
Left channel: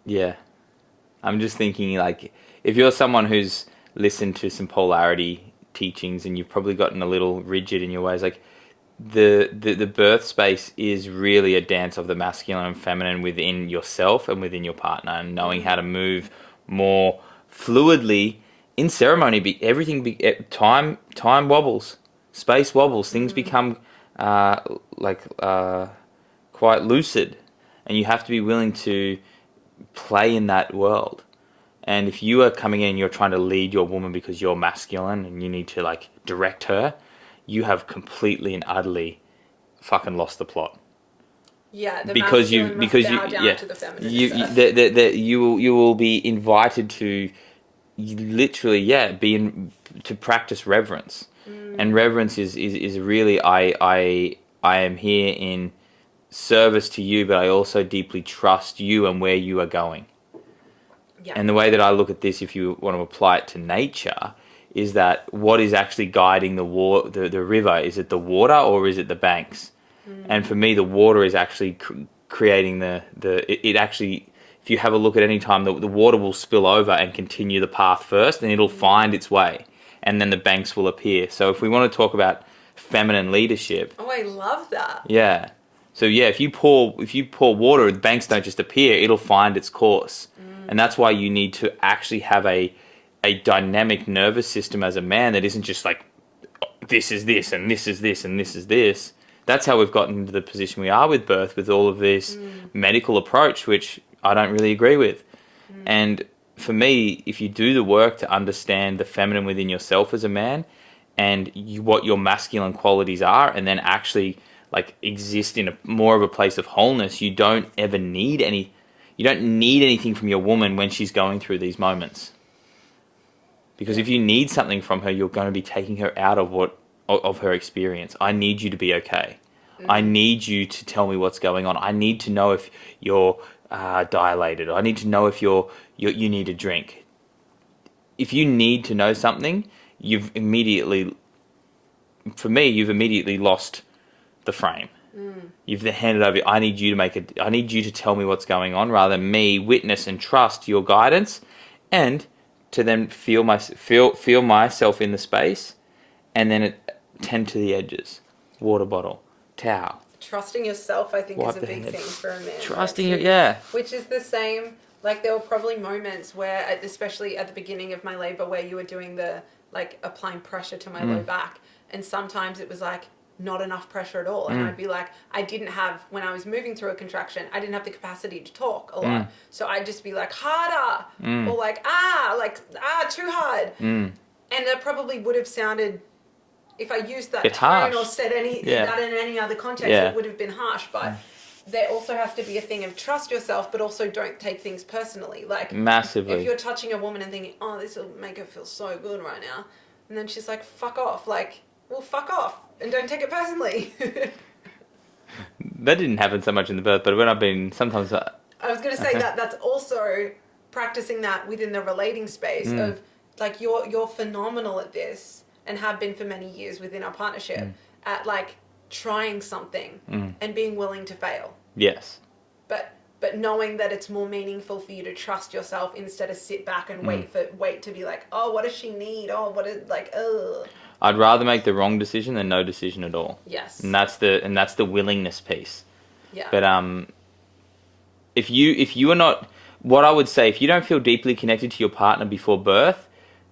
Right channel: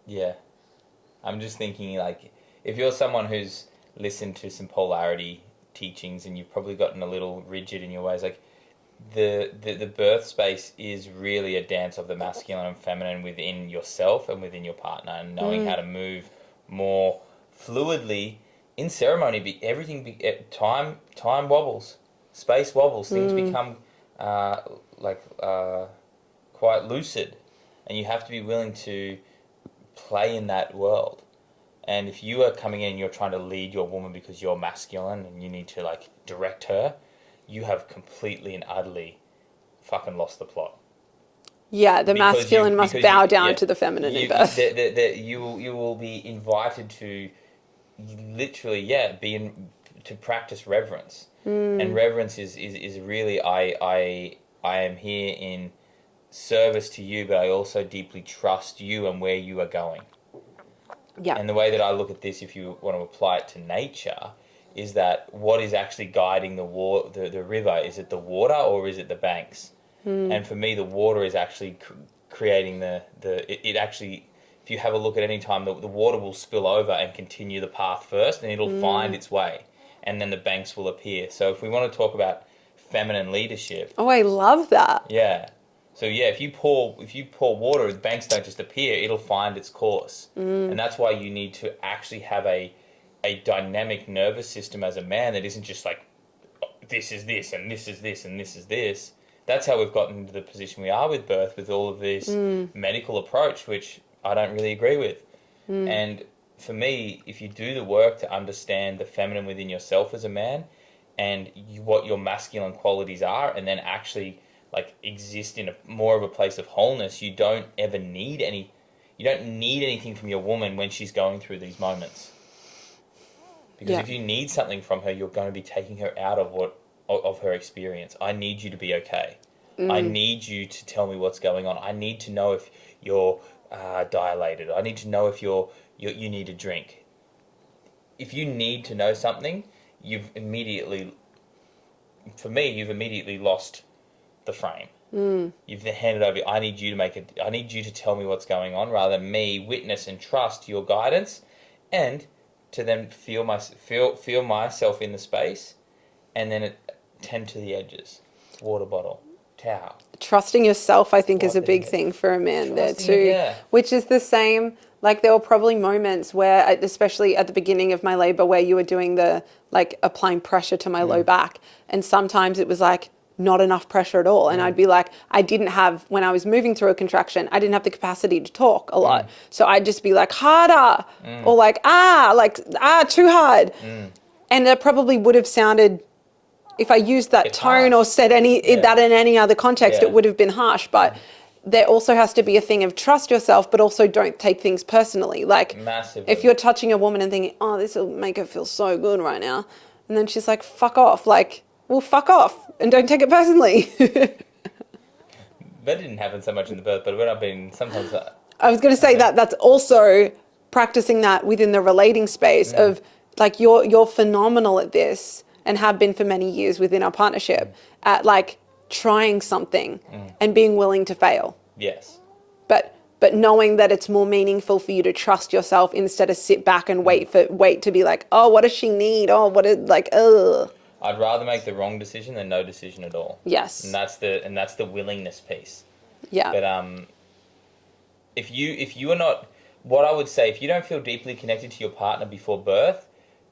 Yeah. I'm just thinking, like, if you're someone who's listened to some polarity teachings and you've probably gotten a little rigid in your ways, like, the birth space is really a dance of the masculine and feminine within yourself and within your partner, and knowing how to move more fluidly in ceremony. Time wobbles, space wobbles, things become like quite lucid, and you have to be willing to play in that world. And if you are coming in and you're trying to lead your woman because you're masculine and you need to like direct her, you have completely and utterly fucking lost the plot. Yeah, the masculine must bow down to the feminine in birth. You will be invited to literally to practice reverence. And reverence is really I am here in service to you, but I also deeply trust you and where you are going. Yeah. And the way that I look at this, if you want to apply it to nature, is that what is actually guiding the river? Is it the water or is it the banks? And for me, the water is actually creating it actually, if you have a look at any time, the water will spill over and continue the path first, and it'll find its way, and then the banks will appear. So if we want to talk about feminine leadership. Oh, I love that. Yeah. So yeah, if you pour water, the banks don't just appear; it'll find its course, and that's why you need to actually have a dynamic nervous system as a man that isn't just like, this is this and this is this and this is this. That's how we've gotten into the position we are with birth, with all of this medical approach, which I don't really agree with. And for me, if you do the work to understand the feminine within yourself as a man, and what your masculine qualities are, and then actually like exist in more of a place of wholeness, you don't need anything from your woman when she's going through these moments. Because if you need something from her, you're going to be taking her out of her experience. I need you to be okay. I need you to tell me what's going on. I need to know if you're dilated. I need to know if you need a drink. If you need to know something, you've immediately lost the frame. You've handed over. I need you to tell me what's going on, rather than me witness and trust your guidance, and to then feel myself in the space, and then tend to the edges. Water bottle, towel. Trusting yourself, I think, is a big thing for a man. Trusting there too, it, yeah. Which is the same. Like, there were probably moments where, especially at the beginning of my labor, where you were doing the like applying pressure to my low back, and sometimes it was like not enough pressure at all, and I'd be like, when I was moving through a contraction, I didn't have the capacity to talk a lot, so I'd just be like harder, or like too hard, and it probably would have sounded, if I used that tone or said that in any other context, it would have been harsh. But there also has to be a thing of trust yourself, but also don't take things personally. Like, massively. If you're touching a woman and thinking, oh, this will make her feel so good right now, and then she's like, fuck off. Like, well, fuck off and don't take it personally. That didn't happen so much in the birth, but when I've been sometimes. I was going to say that's also practicing that within the relating space of like, you're phenomenal at this and have been for many years within our partnership at like trying something and being willing to fail. Yes. But knowing that it's more meaningful for you to trust yourself instead of sit back and wait to be like, oh, what does she need? Oh, what is like, ugh. I'd rather make the wrong decision than no decision at all. Yes. And that's the willingness piece. Yeah. But if you are not, what I would say, if you don't feel deeply connected to your partner before birth,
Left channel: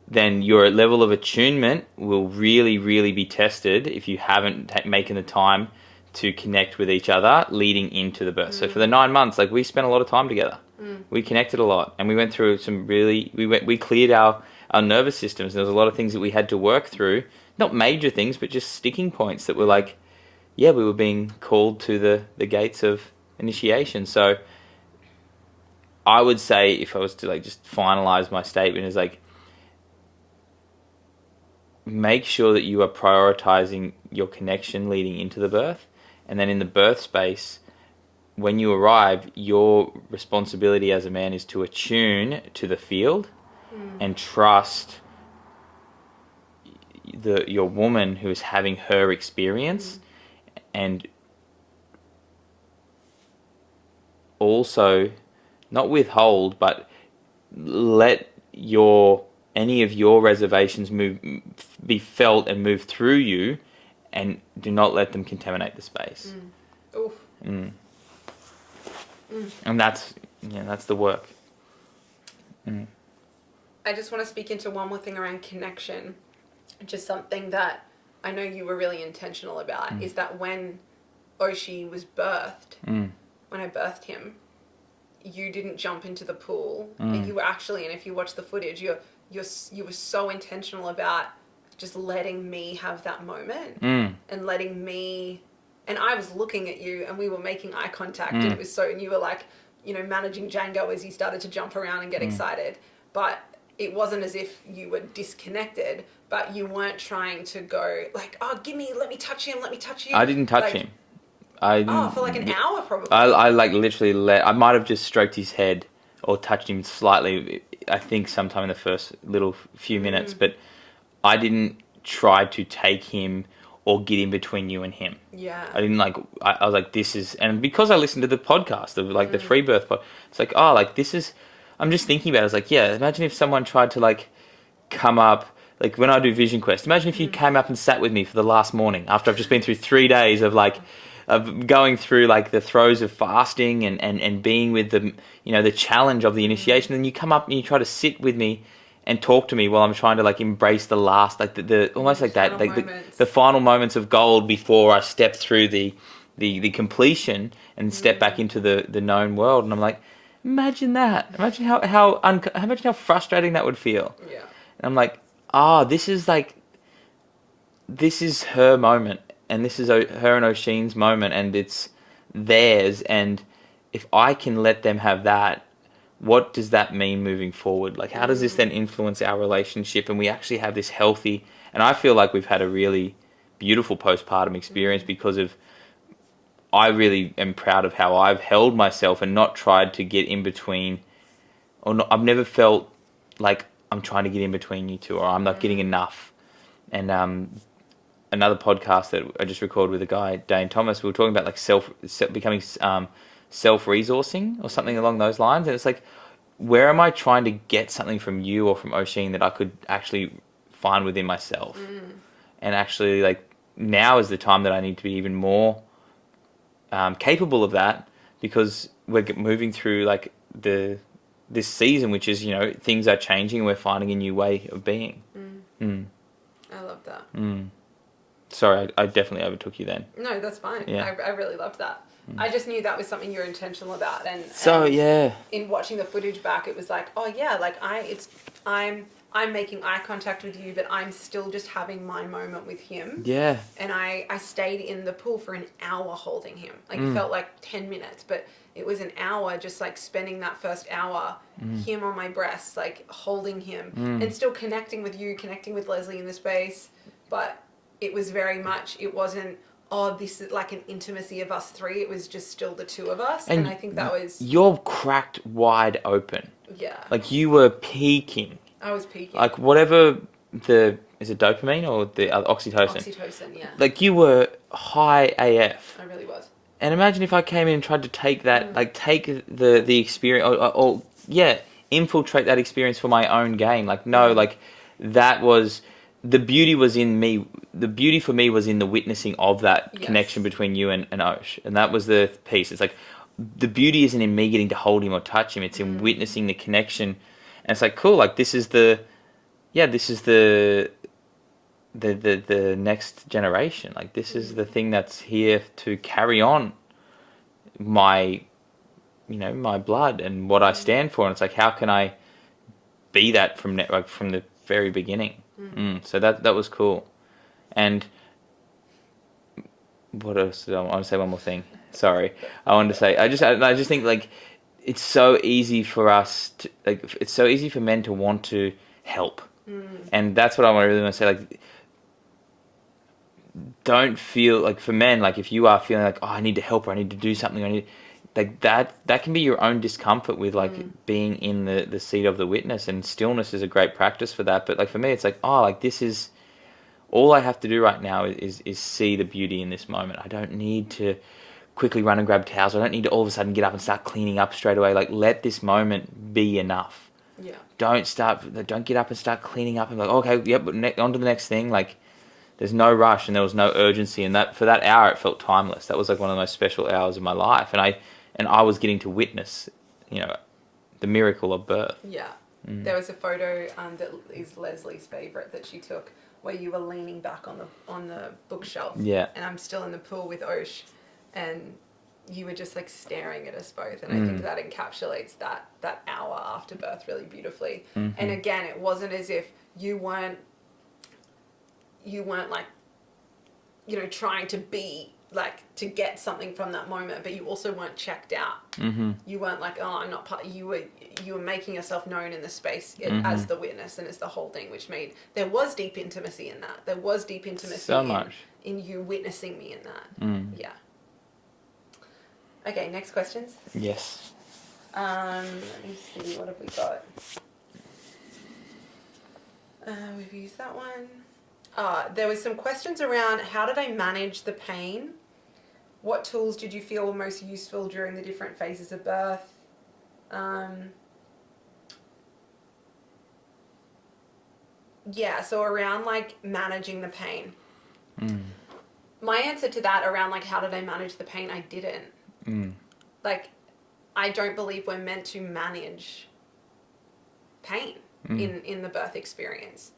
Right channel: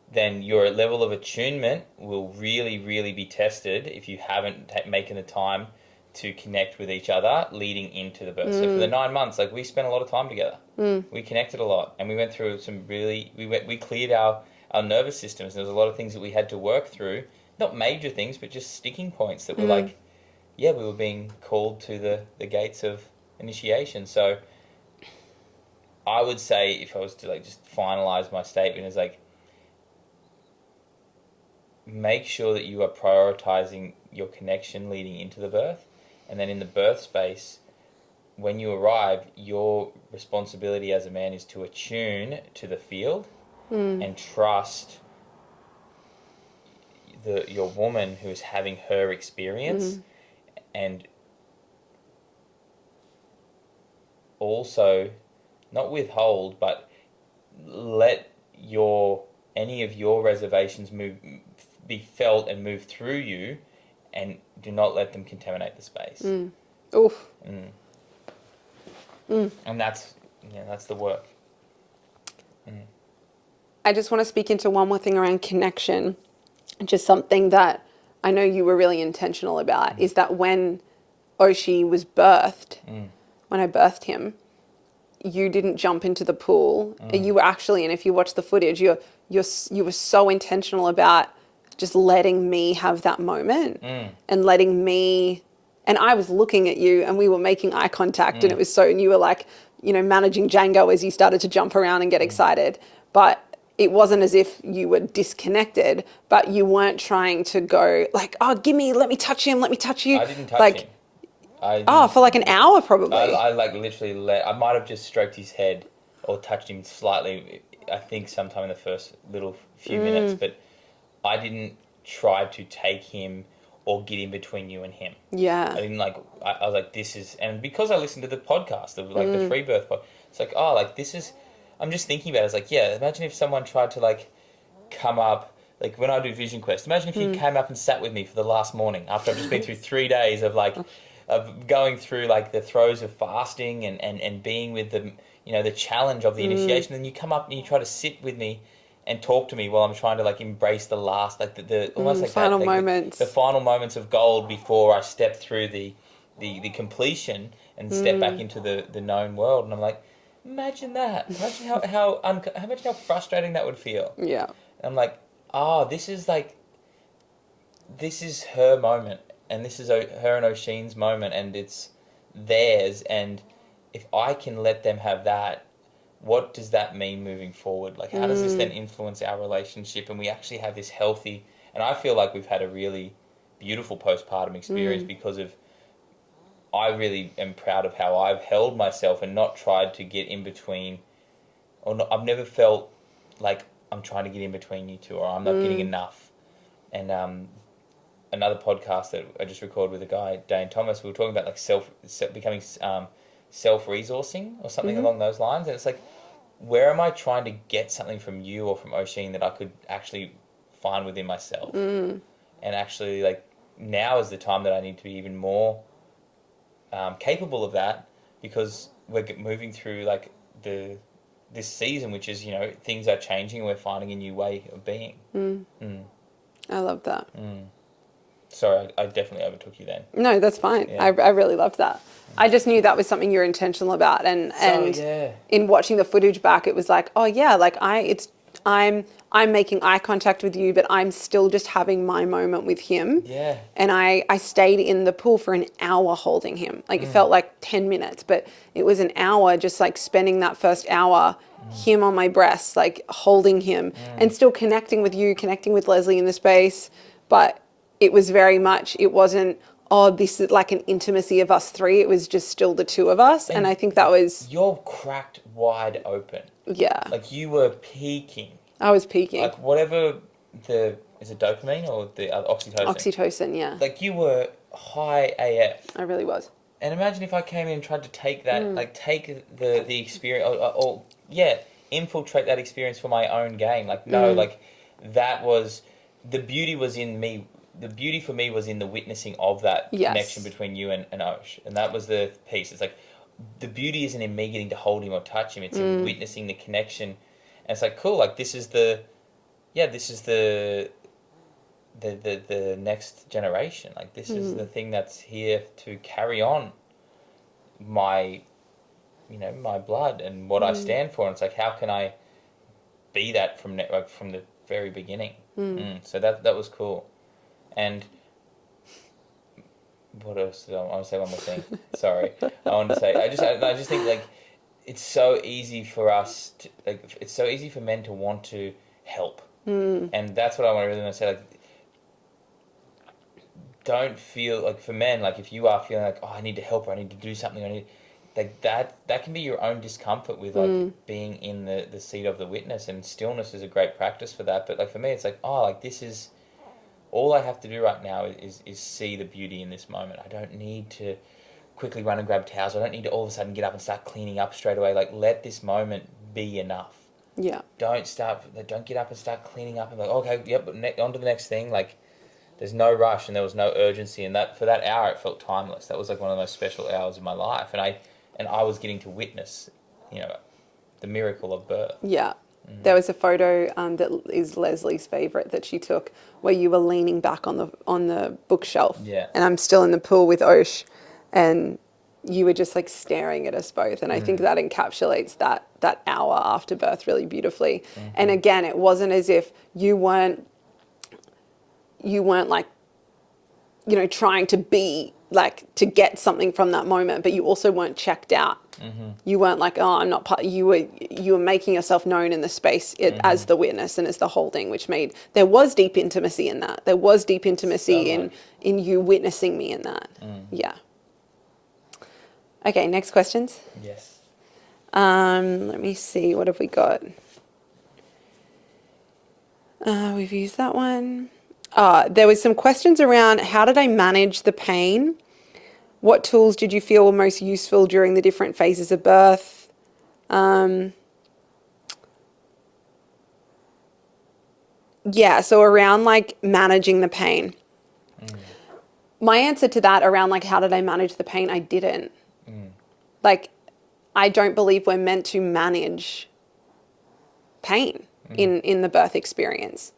then your level of attunement will really, really be tested if you haven't making the time to connect with each other leading into the birth. So for the 9 months, like, we spent a lot of time together. We connected a lot, and we went through we cleared our nervous systems. There was a lot of things that we had to work through, not major things, but just sticking points that were like, we were being called to the gates of initiation. So I would say, if I was to like just finalize my statement, is like, make sure that you are prioritizing your connection leading into the birth, and then in the birth space, when you arrive, your responsibility as a man is to attune to the field and trust your woman who is having her experience, and also not withhold, but let any of your reservations be felt and move through you, and do not let them contaminate the space. Oof. And that's the work. I just want to speak into one more thing around connection. Just something that I know you were really intentional about is that when Oisin was birthed, when I birthed him, you didn't jump into the pool. You were actually, and if you watch the footage, you were so intentional about just letting me have that moment and letting me, and I was looking at you and we were making eye contact and it was so, and you were like, managing Django as you started to jump around and get excited. But it wasn't as if you were disconnected, but you weren't trying to go like, oh, let me touch him, let me touch you. I didn't touch him. For like an hour probably. I like literally I might have just stroked his head or touched him slightly, I think sometime in the first little few minutes, but I didn't try to take him or get in between you and him. Yeah. I didn't I was like, this is, and because I listened to the podcast of like the free birth pod, it's like, oh, like this is, I'm just thinking about it. I was like, yeah, imagine if someone tried to like come up, like when I do Vision Quest, imagine if you came up and sat with me for the last morning after I've just been through 3 days of like, of going through like the throes of fasting and being with the, the challenge of the initiation. And you come up and you try to sit with me and talk to me while I'm trying to like embrace the last, like the almost like that, like the final moments of gold before I step through the completion and step back into the known world. And I'm like, imagine that. Imagine how frustrating that would feel. Yeah. And I'm like, this is her moment, and this is her and Oisin's moment, and it's theirs. And if I can let them have that, what does that mean moving forward? Like, how does this then influence our relationship? And we actually have this healthy, and I feel like we've had a really beautiful postpartum experience because of, I really am proud of how I've held myself and not tried to get in between, or not, I've never felt like I'm trying to get in between you two, or I'm not getting enough. And another podcast that I just recorded with a guy, Dane Thomas, we were talking about like becoming self-resourcing or something along those lines. And it's like, where am I trying to get something from you or from Oisin that I could actually find within myself? And actually, like, now is the time that I need to be even more capable of that, because we're moving through like this season, which is, things are changing and we're finding a new way of being. I love that. Sorry, I definitely overtook you then. No, that's fine. Yeah. I really loved that. I just knew that was something you're intentional about, and in watching the footage back, it was like, oh yeah, like I'm making eye contact with you, but I'm still just having my moment with him. Yeah. And I stayed in the pool for an hour holding him. Like it felt like 10 minutes, but it was an hour just like spending that first hour, him on my breast, like holding him and still connecting with you, connecting with Leslie in the space. But it was very much, it wasn't, oh, this is like an intimacy of us three. It was just still the two of us. And I think that was... You're cracked wide open. Yeah. Like you were peaking. I was peaking. Like whatever is it dopamine or the oxytocin? Oxytocin, yeah. Like you were high AF. I really was. And imagine if I came in and tried to take that, like take the experience, or infiltrate that experience for my own gain. Like, no, like that was, the beauty was in me. The beauty for me was in the witnessing of that connection between you and Osh. And that was the piece. It's like, the beauty isn't in me getting to hold him or touch him. It's in witnessing the connection. And it's like, cool, like this is the next generation. Like this is the thing that's here to carry on my blood and what I stand for. And it's like, how can I be that from the very beginning? So that was cool. And what else? I want to say one more thing. Sorry, I wanted to say. I just think like it's so easy for us to it's so easy for men to want to help, and that's what I really want to say. Like, don't feel like, for men, like if you are feeling like, oh, I need to help, or I need to do something, like that can be your own discomfort with like being in the seat of the witness, and stillness is a great practice for that. But like for me, it's like, oh, like this is all I have to do right now is see the beauty in this moment. I don't need to quickly run and grab towels. I don't need to all of a sudden get up and start cleaning up straight away. Like, let this moment be enough. Yeah. Don't get up and start cleaning up and like, okay, yep, but on to the next thing. Like, there's no rush and there was no urgency. And that for that hour, it felt timeless. That was like one of the most special hours of my life. And I was getting to witness, the miracle of birth. Yeah. There was a photo that is Leslie's favorite that she took where you were leaning back on the bookshelf. Yeah. And I'm still in the pool with Osh, and you were just like staring at us both. And I think that encapsulates that hour after birth really beautifully. And again, it wasn't as if you weren't like, trying to be like to get something from that moment, but you also weren't checked out. You weren't like, oh, I'm not part. You were making yourself known in the space as the witness and as the holding, which made there was deep intimacy in that. There was deep intimacy in you witnessing me in that. Yeah. Okay, next questions. Yes. Let me see. What have we got? We've used that one. There was some questions around how did I manage the pain? What tools did you feel were most useful during the different phases of birth? Yeah, so around like managing the pain. My answer to that around like how did I manage the pain? I didn't. Like, I don't believe we're meant to manage pain in the birth experience.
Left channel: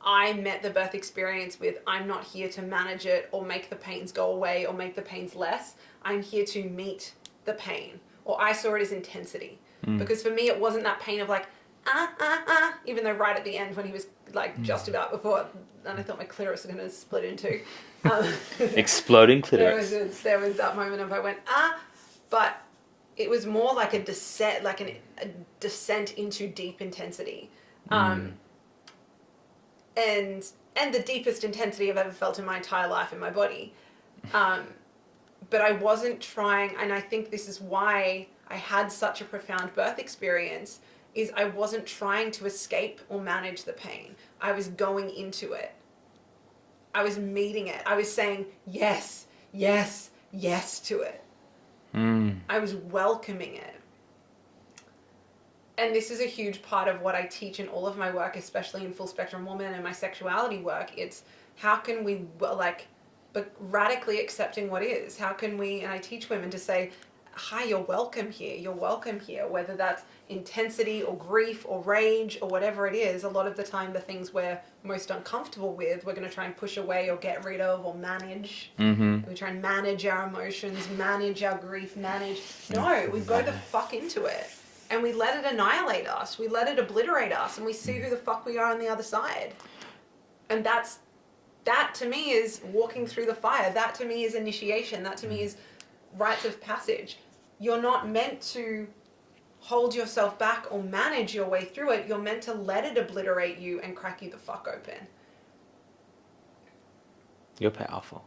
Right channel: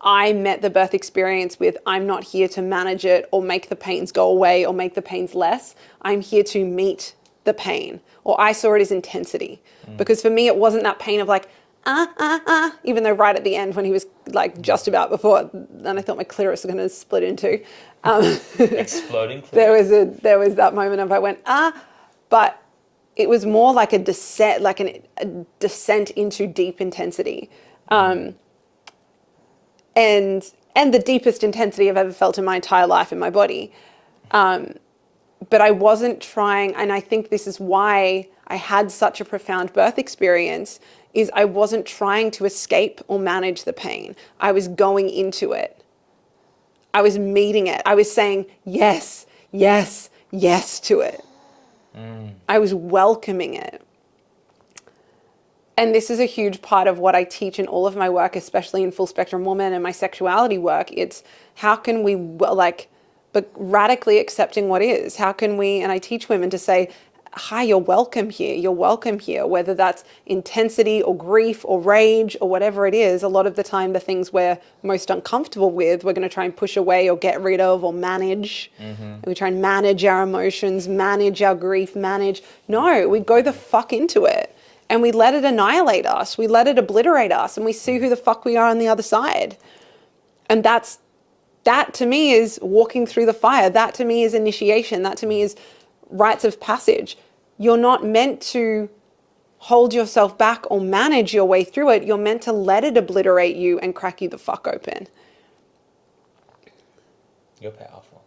I met the birth experience with, I'm not here to manage it or make the pains go away or make the pains less. I'm here to meet the pain. Or I saw it as intensity. Because for me, it wasn't that pain of like, even though right at the end when he was like just about before, then I thought my clitoris was going to split in two. Exploding clitoris. There was that moment of I went, but it was more like a descent, like a descent into deep intensity. And the deepest intensity I've ever felt in my entire life in my body. But I wasn't trying, and I think this is why I had such a profound birth experience, is I wasn't trying to escape or manage the pain. I was going into it. I was meeting it. I was saying yes, yes, yes to it. I was welcoming it. And this is a huge part of what I teach in all of my work, especially in Full Spectrum Woman and my sexuality work. It's how can we but radically accepting what is. How can we, and I teach women to say, hi, you're welcome here. You're welcome here. Whether that's intensity or grief or rage or whatever it is, a lot of the time the things we're most uncomfortable with, we're going to try and push away or get rid of or manage. And we try and manage our emotions, manage our grief, No, we go the fuck into it. And we let it annihilate us. We let it obliterate us, and we see who the fuck we are on the other side. And that to me is walking through the fire. That to me is initiation. That to me is rites of passage. You're not meant to hold yourself back or manage your way through it. You're meant to let it obliterate you and crack you the fuck open. You're powerful.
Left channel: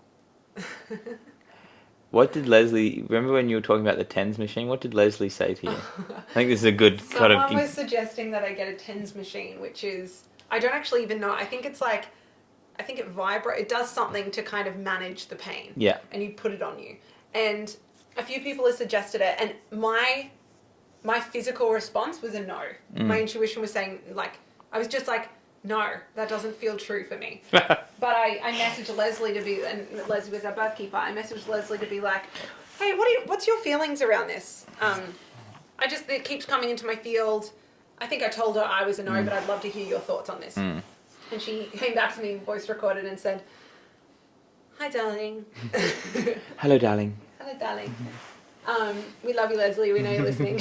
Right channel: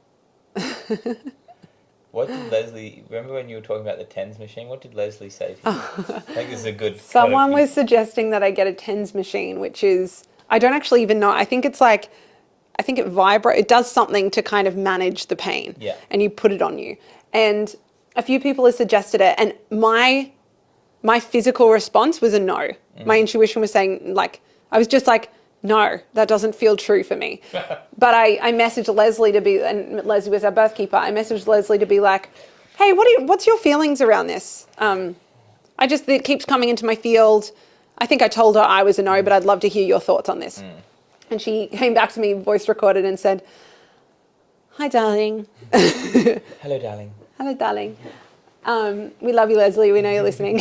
What did Leslie, remember when you were talking about the TENS machine? What did Leslie say to you? I think this is a good Someone was suggesting that I get a TENS machine, which is, I don't actually even know. I think it vibrates. It does something to kind of manage the pain. Yeah. And you put it on you. And a few people have suggested it. And my physical response was a no. My intuition was saying, like, I was just like, no, that doesn't feel true for me. But I messaged Leslie to be, and Leslie was our birth keeper. I messaged Leslie to be like, hey, what's your feelings around this? It keeps coming into my field. I think I told her I was a no, but I'd love to hear your thoughts on this. And she came back to me, voice recorded, and said, hi, darling. Hello, darling. Hello, darling. We love you, Leslie. We know you're listening.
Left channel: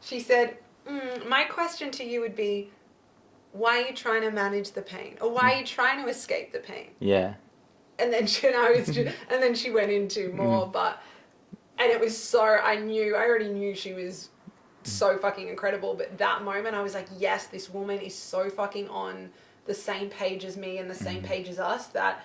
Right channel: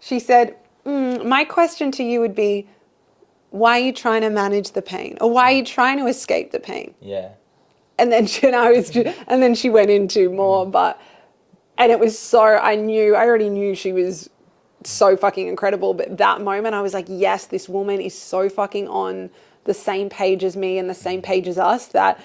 She said, my question to you would be, why are you trying to manage the pain? Or why are you trying to escape the pain? Yeah. And then and then she went into more, and it was so, I already knew she was so fucking incredible. But that moment I was like, yes, this woman is so fucking on the same page as me and the same page as us, that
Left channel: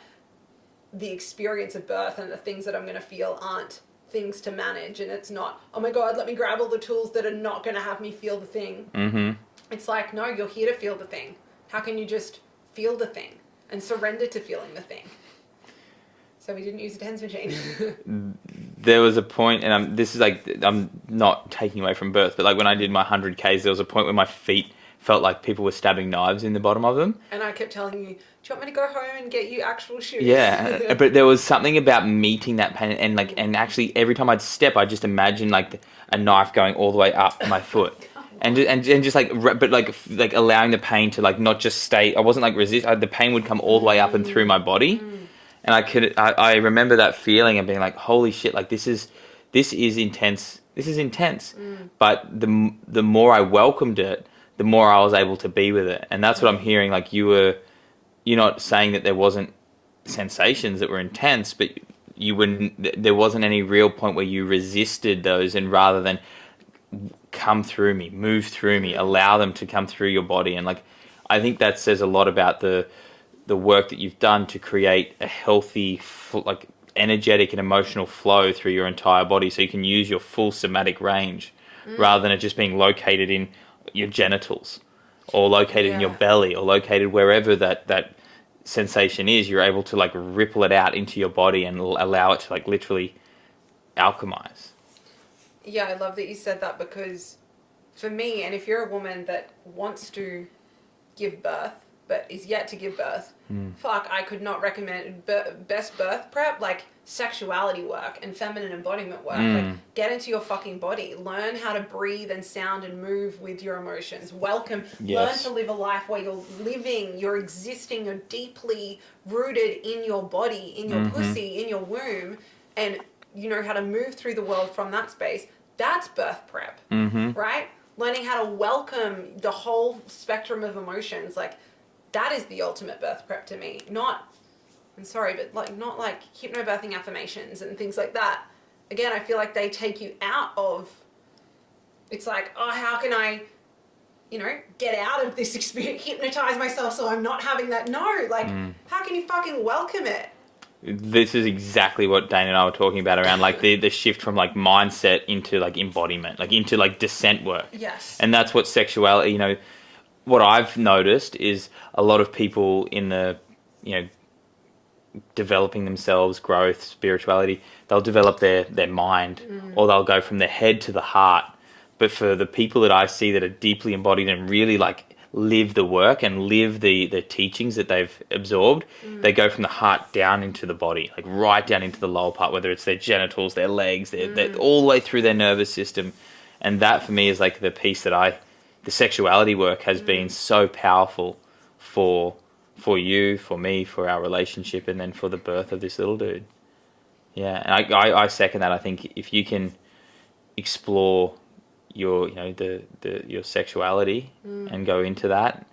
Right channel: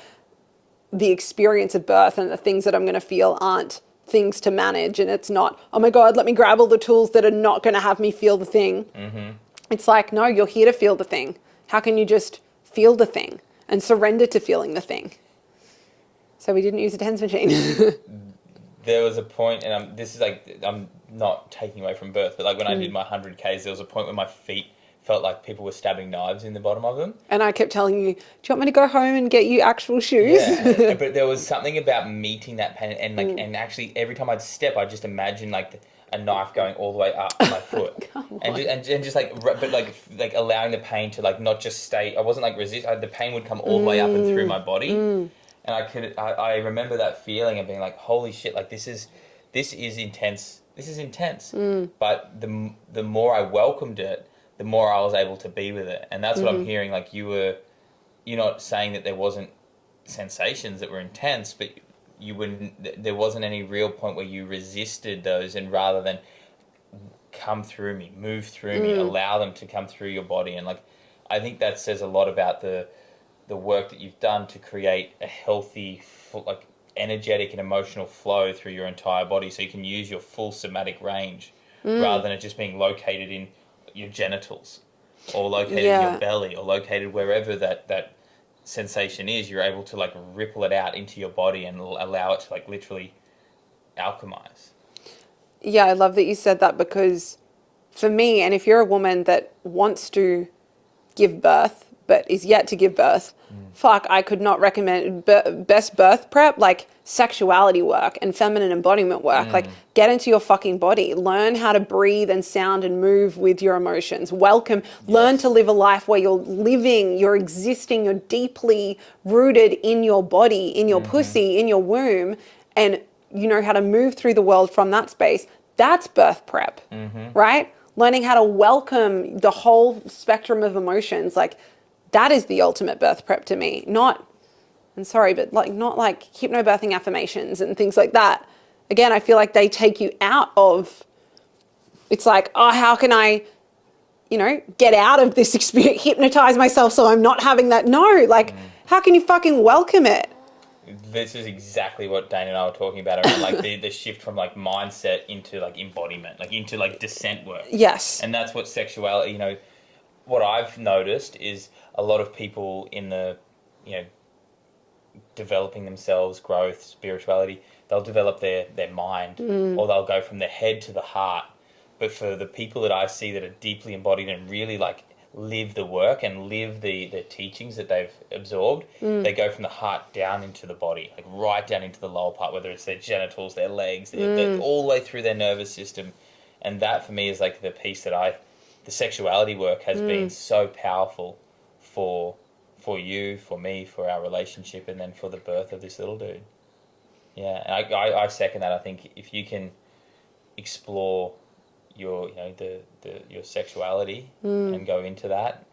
the experience of birth and the things that I'm going to feel aren't things to manage, and it's not, oh my God, let me grab all the tools that are not going to have me feel the thing. Mm-hmm. It's like, no, you're here to feel the thing. How can you just feel the thing and surrender to feeling the thing? So we didn't use a TENS machine. There was a point, and this is like, I'm not taking away from birth, but like when I did my 100Ks, there was a point where my feet felt like people were stabbing knives in the bottom of them. And I kept telling you, do you want me to go home and get you actual shoes? Yeah, but there was something about meeting that pain, and like, and actually every time I'd step, I just imagined like a knife going all the way up my foot, and just like, but like allowing the pain to like not just stay. I wasn't like the pain would come all the way up and through my body, and I remember that feeling of being like, holy shit, like this is intense. This is intense. But the more I welcomed it, the more I was able to be with it, and that's what I'm hearing. Like you're not saying that there wasn't sensations that were intense, but there wasn't any real point where you resisted those, and rather than come through me, move through me, allow them to come through your body. And like, I think that says a lot about the work that you've done to create a healthy, like energetic and emotional flow through your entire body, so you can use your full somatic range, rather than it just being located in your genitals, or located in your belly, or located wherever that sensation is. You're able to like ripple it out into your body and allow it to like literally alchemize. Yeah, I love that you said that, because for me, and if you're a woman that wants to give birth but is yet to give birth, fuck, I could not recommend best birth prep, like sexuality work and feminine embodiment work. Like, get into your fucking body, learn how to breathe and sound and move with your emotions, learn to live a life where you're existing, you're deeply rooted in your body, in your pussy, in your womb, and you know how to move through the world from that space. That's birth prep, right? Learning how to welcome the whole spectrum of emotions. Like, that is the ultimate birth prep to me. Not like hypnobirthing affirmations and things like that. Again, I feel like they take you out of, it's like, oh, how can I, get out of this experience, hypnotize myself so I'm not having that. No, like, how can you fucking welcome it? This is exactly what Dane and I were talking about around like the shift from like mindset into like embodiment, like into like descent work. Yes. And that's what sexuality, what I've noticed is a lot of people in the, developing themselves, growth, spirituality, they'll develop their mind, or they'll go from their head to the heart. But for the people that I see that are deeply embodied and really like live the work and live the teachings that they've absorbed, they go from the heart down into the body, like right down into the lower part, whether it's their genitals, their legs, they're all the way through their nervous system. And that for me is like the piece that the sexuality work has been so powerful for you, for me, for our relationship, and then for the birth of this little dude. Yeah, and I second that. I think if you can explore your your sexuality and go into that.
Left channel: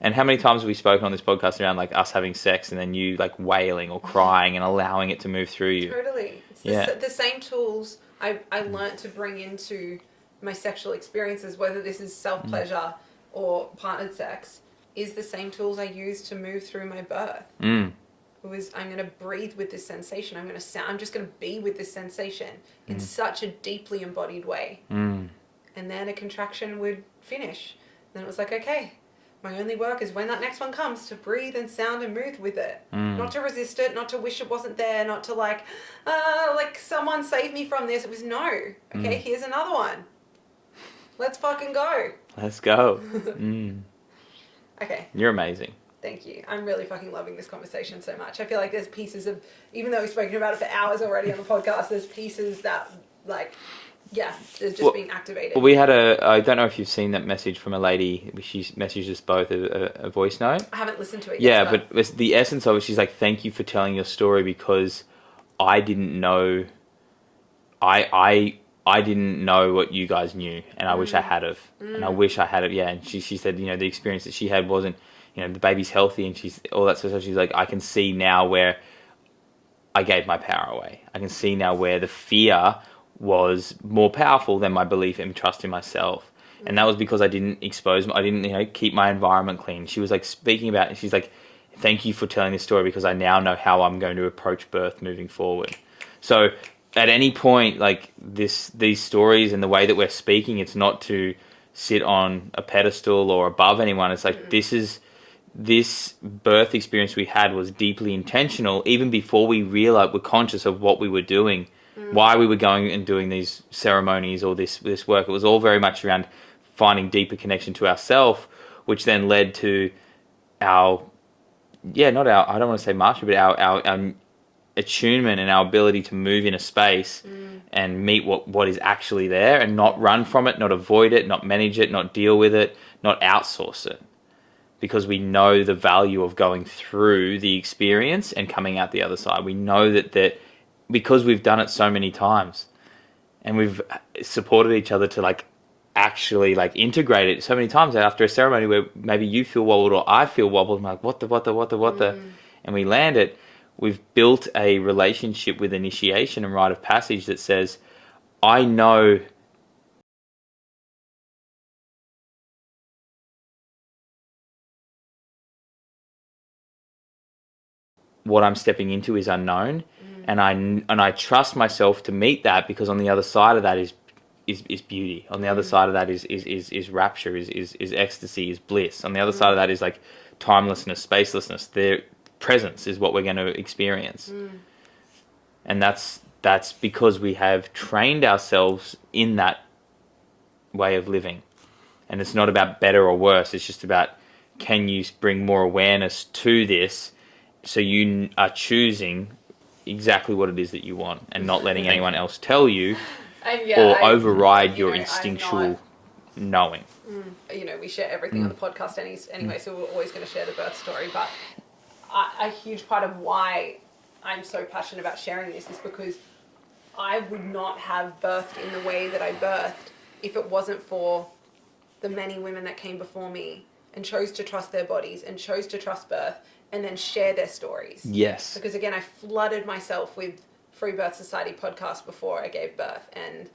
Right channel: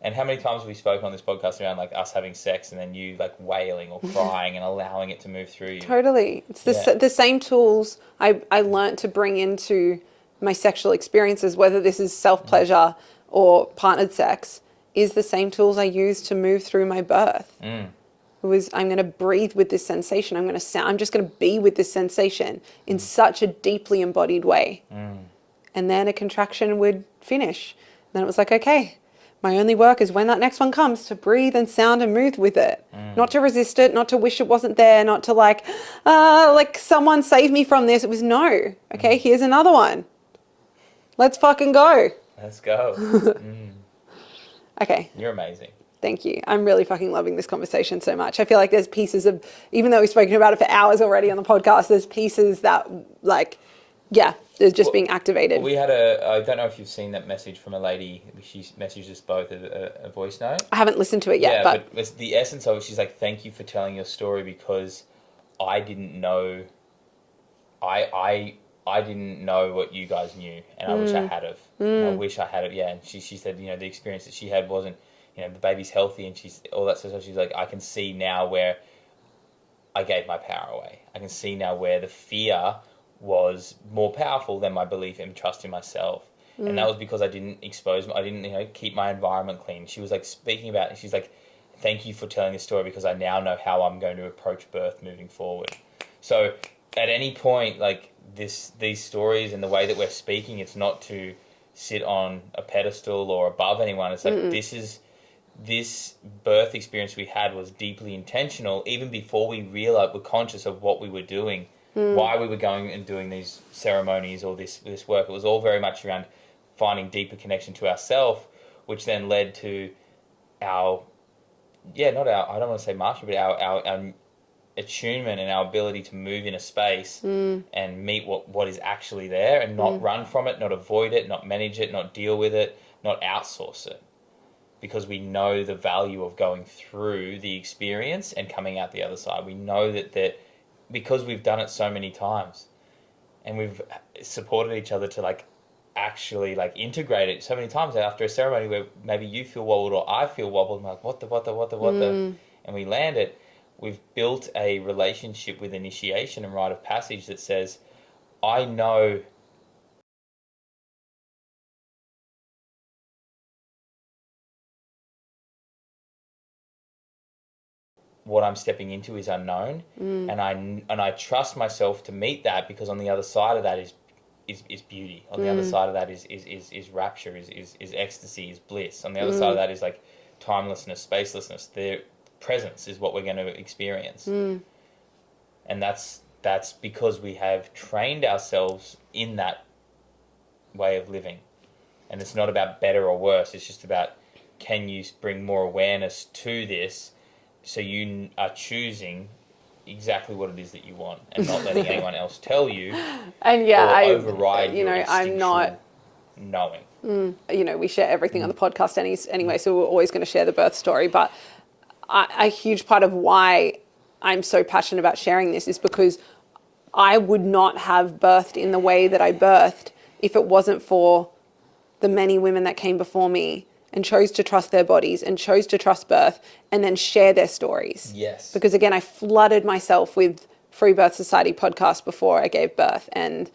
And how many times have we spoken on this podcast around like us having sex and then you like wailing or crying and allowing it to move through you? Totally. It's the same tools I learned to bring into my sexual experiences, whether this is self-pleasure or partnered sex, is the same tools I use to move through my birth. It was, I'm going to breathe with this sensation. I'm just going to be with this sensation in such a deeply embodied way. And then a contraction would finish. And then it was like, okay, my only work is when that next one comes to breathe and sound and move with it. Not to resist it, not to wish it wasn't there, not to like someone save me from this. It was no. Okay, here's another one. Let's fucking go. Let's go. Okay. You're amazing. Thank you. I'm really fucking loving this conversation so much. I feel like there's pieces of, even though we've spoken about it for hours already on the podcast, there's pieces that like, yeah, they're just being activated. We had I don't know if you've seen that message from a lady. She messaged us both a voice note. I haven't listened to it yet. Yeah, but the essence of it, she's like, thank you for telling your story, because I didn't know, I didn't know what you guys knew, and I wish I had have. And I wish I had it. Yeah, and she said, the experience that she had wasn't, the baby's healthy, and she's all that sort of stuff. She's like, I can see now where I gave my power away. I can see now where the fear was more powerful than my belief and trust in myself. And that was because I didn't keep my environment clean. She was like speaking about it. She's like, thank you for telling this story because I now know how I'm going to approach birth moving forward. So at any point, like these stories and the way that we're speaking, it's not to sit on a pedestal or above anyone. It's like this birth experience we had was deeply intentional, even before we realized we're conscious of what we were doing, why we were going and doing these ceremonies or this work. It was all very much around finding deeper connection to ourself, which then led to our, not our, I don't want to say mastery, but our attunement and our ability to move in a space and meet what is actually there and not run from it, not avoid it, not manage it, not deal with it, not outsource it. Because we know the value of going through the experience and coming out the other side. We know that because we've done it so many times and we've supported each other to like actually like integrate it so many times after a ceremony where maybe you feel wobbled or I feel wobbled. I'm like, what the, and we land it. We've built a relationship with initiation and rite of passage that says, I know what I'm stepping into is unknown, and I trust myself to meet that because on the other side of that is beauty. On the other side of that is rapture, is ecstasy, is bliss. On the other side of that is like timelessness, spacelessness. Their presence is what we're going to experience, and that's because we have trained ourselves in that way of living. And it's not about better or worse. It's just about, can you bring more awareness to this so you are choosing exactly what it is that you want and not letting anyone else tell you And or override your instinctual knowing. We share everything on the podcast anyway, so we're always going to share the birth story. But a huge part of why I'm so passionate about sharing this is because I would not have birthed in the way that I birthed if it wasn't for the many women that came before me and chose to trust their bodies and chose to trust birth and then share their stories. Yes. Because again, I flooded myself with Free Birth Society podcasts before I gave birth. And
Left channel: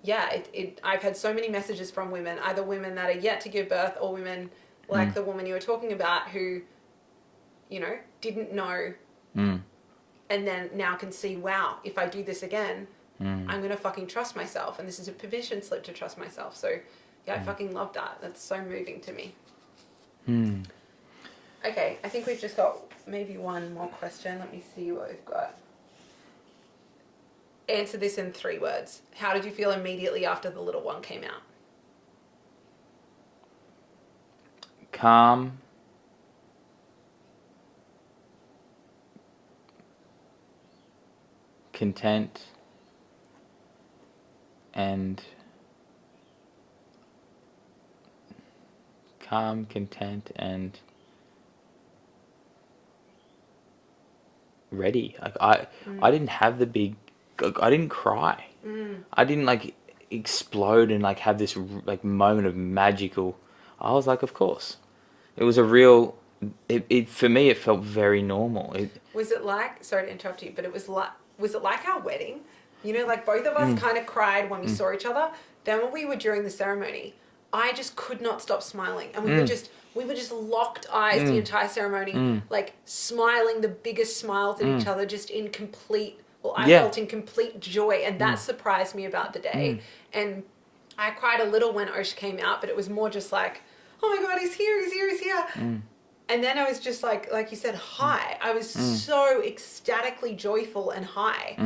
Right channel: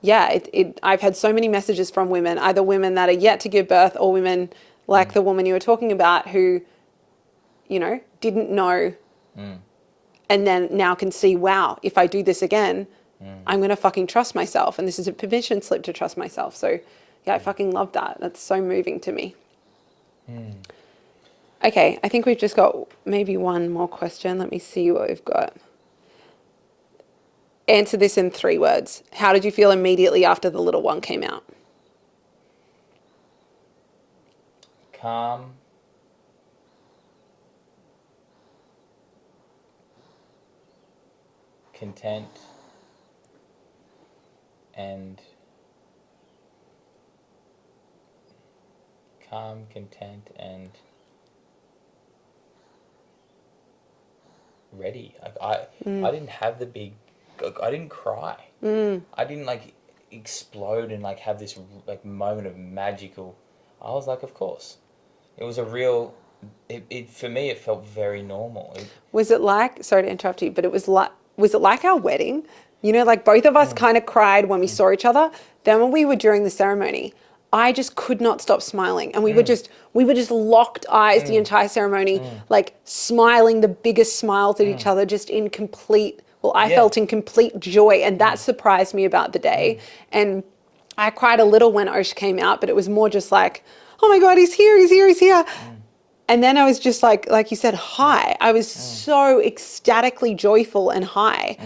yeah, I've had so many messages from women, either women that are yet to give birth or women like the woman you were talking about who, didn't know and then now can see, wow, if I do this again, I'm going to fucking trust myself. And this is a permission slip to trust myself. So yeah, I fucking love that. That's so moving to me. Okay, I think we've just got maybe one more question. Let me see what we've got. Answer this in 3 words. How did you feel immediately after the little one came out? Calm. Content. And calm, content, and ready. Like I didn't have the big. I didn't cry. I didn't like explode and like have this like moment of magical. I was like, of course, it was a real. It for me, it felt very normal. Was it like? Sorry to interrupt you, but was it like our wedding? Like both of us kind of cried when we saw each other. Then when we were during the ceremony, I just could not stop smiling. And we were just locked eyes the entire ceremony, like smiling the biggest smiles at each other, just in complete, I felt in complete joy. And that surprised me about the day. And I cried a little when Osh came out, but it was more just like, oh my God, he's here, he's here, he's here. And then I was just like you said, high. I was so ecstatically joyful and high.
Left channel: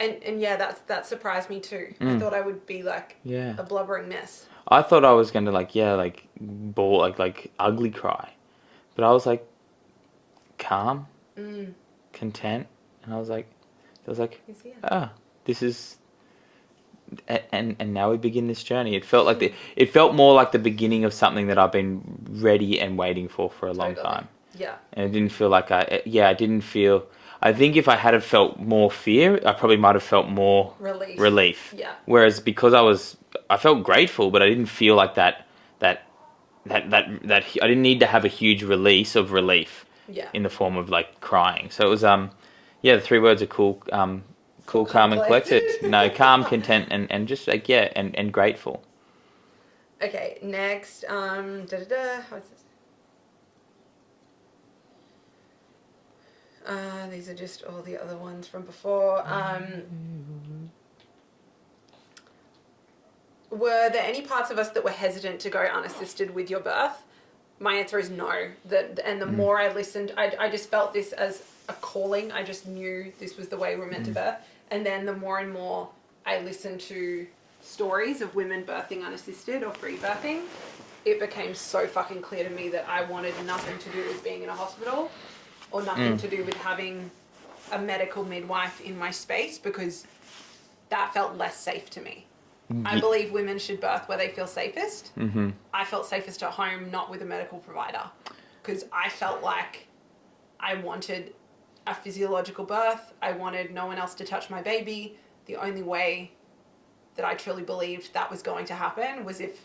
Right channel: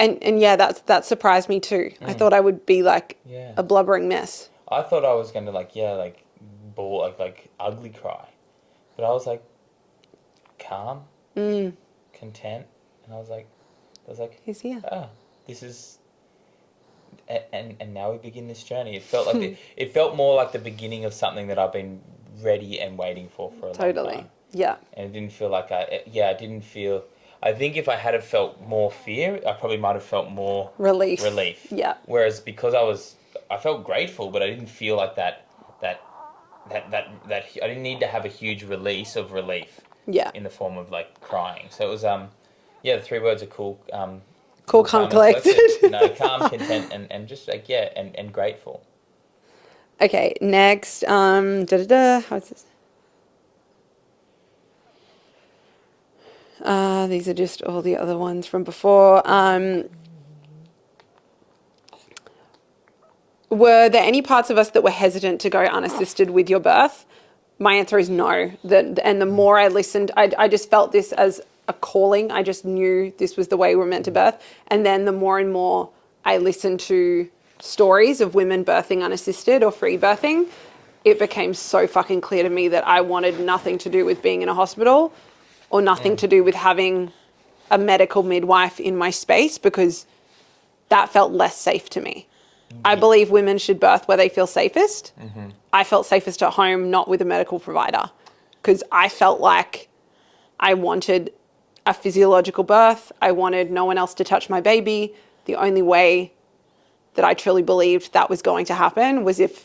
And yeah, that surprised me too. I thought I would be like a blubbering mess. I thought I was gonna bawl, like ugly cry, but I was like calm, content, and I was like, He's here. This is, and now we begin this journey. It felt like it felt more like the beginning of something that I've been ready and waiting for a long time. Yeah. And it didn't feel like I didn't feel. I think if I had have felt more fear, I probably might have felt more relief. Yeah. Whereas because I felt grateful, but I didn't feel like that I didn't need to have a huge release of relief. Yeah. In the form of like crying. So it was the 3 words are cool. Cool, calm, collected. No, calm, content, and just like and grateful. Okay, next. How's this? These are just all the other ones from before. Were there any parts of us that were hesitant to go unassisted with your birth? My answer is no. And the more I listened, I just felt this as a calling. I just knew this was the way we were meant to birth. And then the more and more I listened to stories of women birthing unassisted or free birthing, it became so fucking clear to me that I wanted nothing to do with being in a hospital or nothing to do with having a medical midwife in my space, because that felt less safe to me. I believe women should birth where they feel safest. I felt safest at home, not with a medical provider, because I felt like I wanted a physiological birth. I wanted no one else to touch my baby. The only way that I truly believed that was going to happen was if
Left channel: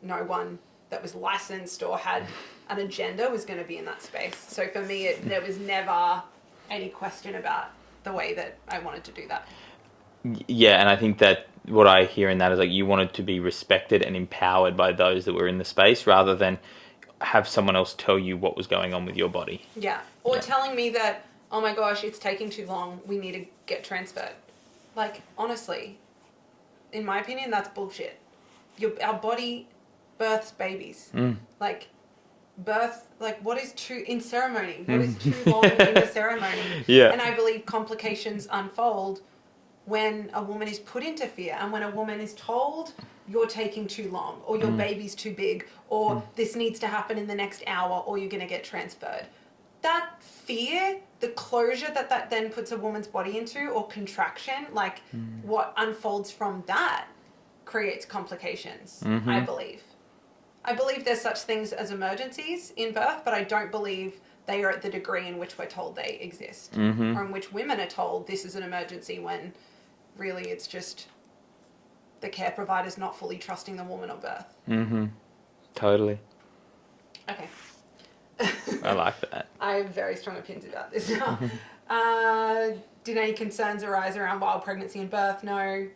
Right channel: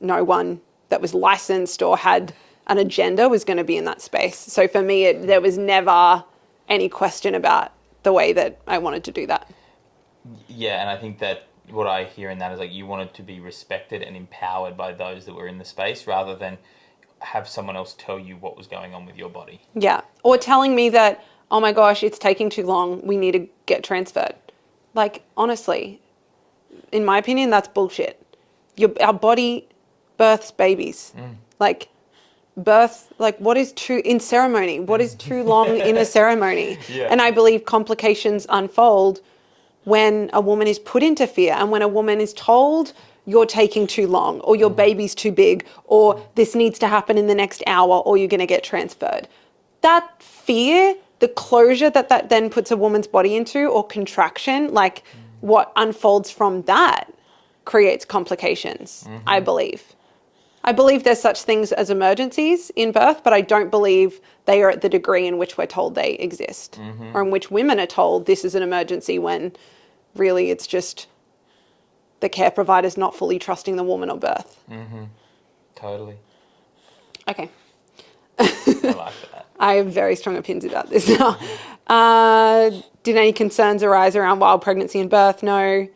no one that was licensed or had an agenda was going to be in that space. So for me, there was never any question about the way that I wanted to do that. Yeah, and I think that what I hear in that is like you wanted to be respected and empowered by those that were in the space rather than have someone else tell you what was going on with your body. Yeah. Or telling me that, oh my gosh, it's taking too long, we need to get transferred. Like, honestly, in my opinion, that's bullshit. Our body births babies. Like, what is too, in ceremony, what is too long in a ceremony? Yeah. And I believe complications unfold when a woman is put into fear and when a woman is told you're taking too long or your baby's too big or this needs to happen in the next hour or you're going to get transferred. That fear, the closure that then puts a woman's body into, or contraction, like what unfolds from that creates complications, I believe. I believe there's such things as emergencies in birth, but I don't believe they are at the degree in which we're told they exist, or in which women are told this is an emergency when really it's just the care provider's not fully trusting the woman or birth. Totally. Okay. I like that. I have very strong opinions about this now. Did any concerns arise around wild pregnancy and birth? No.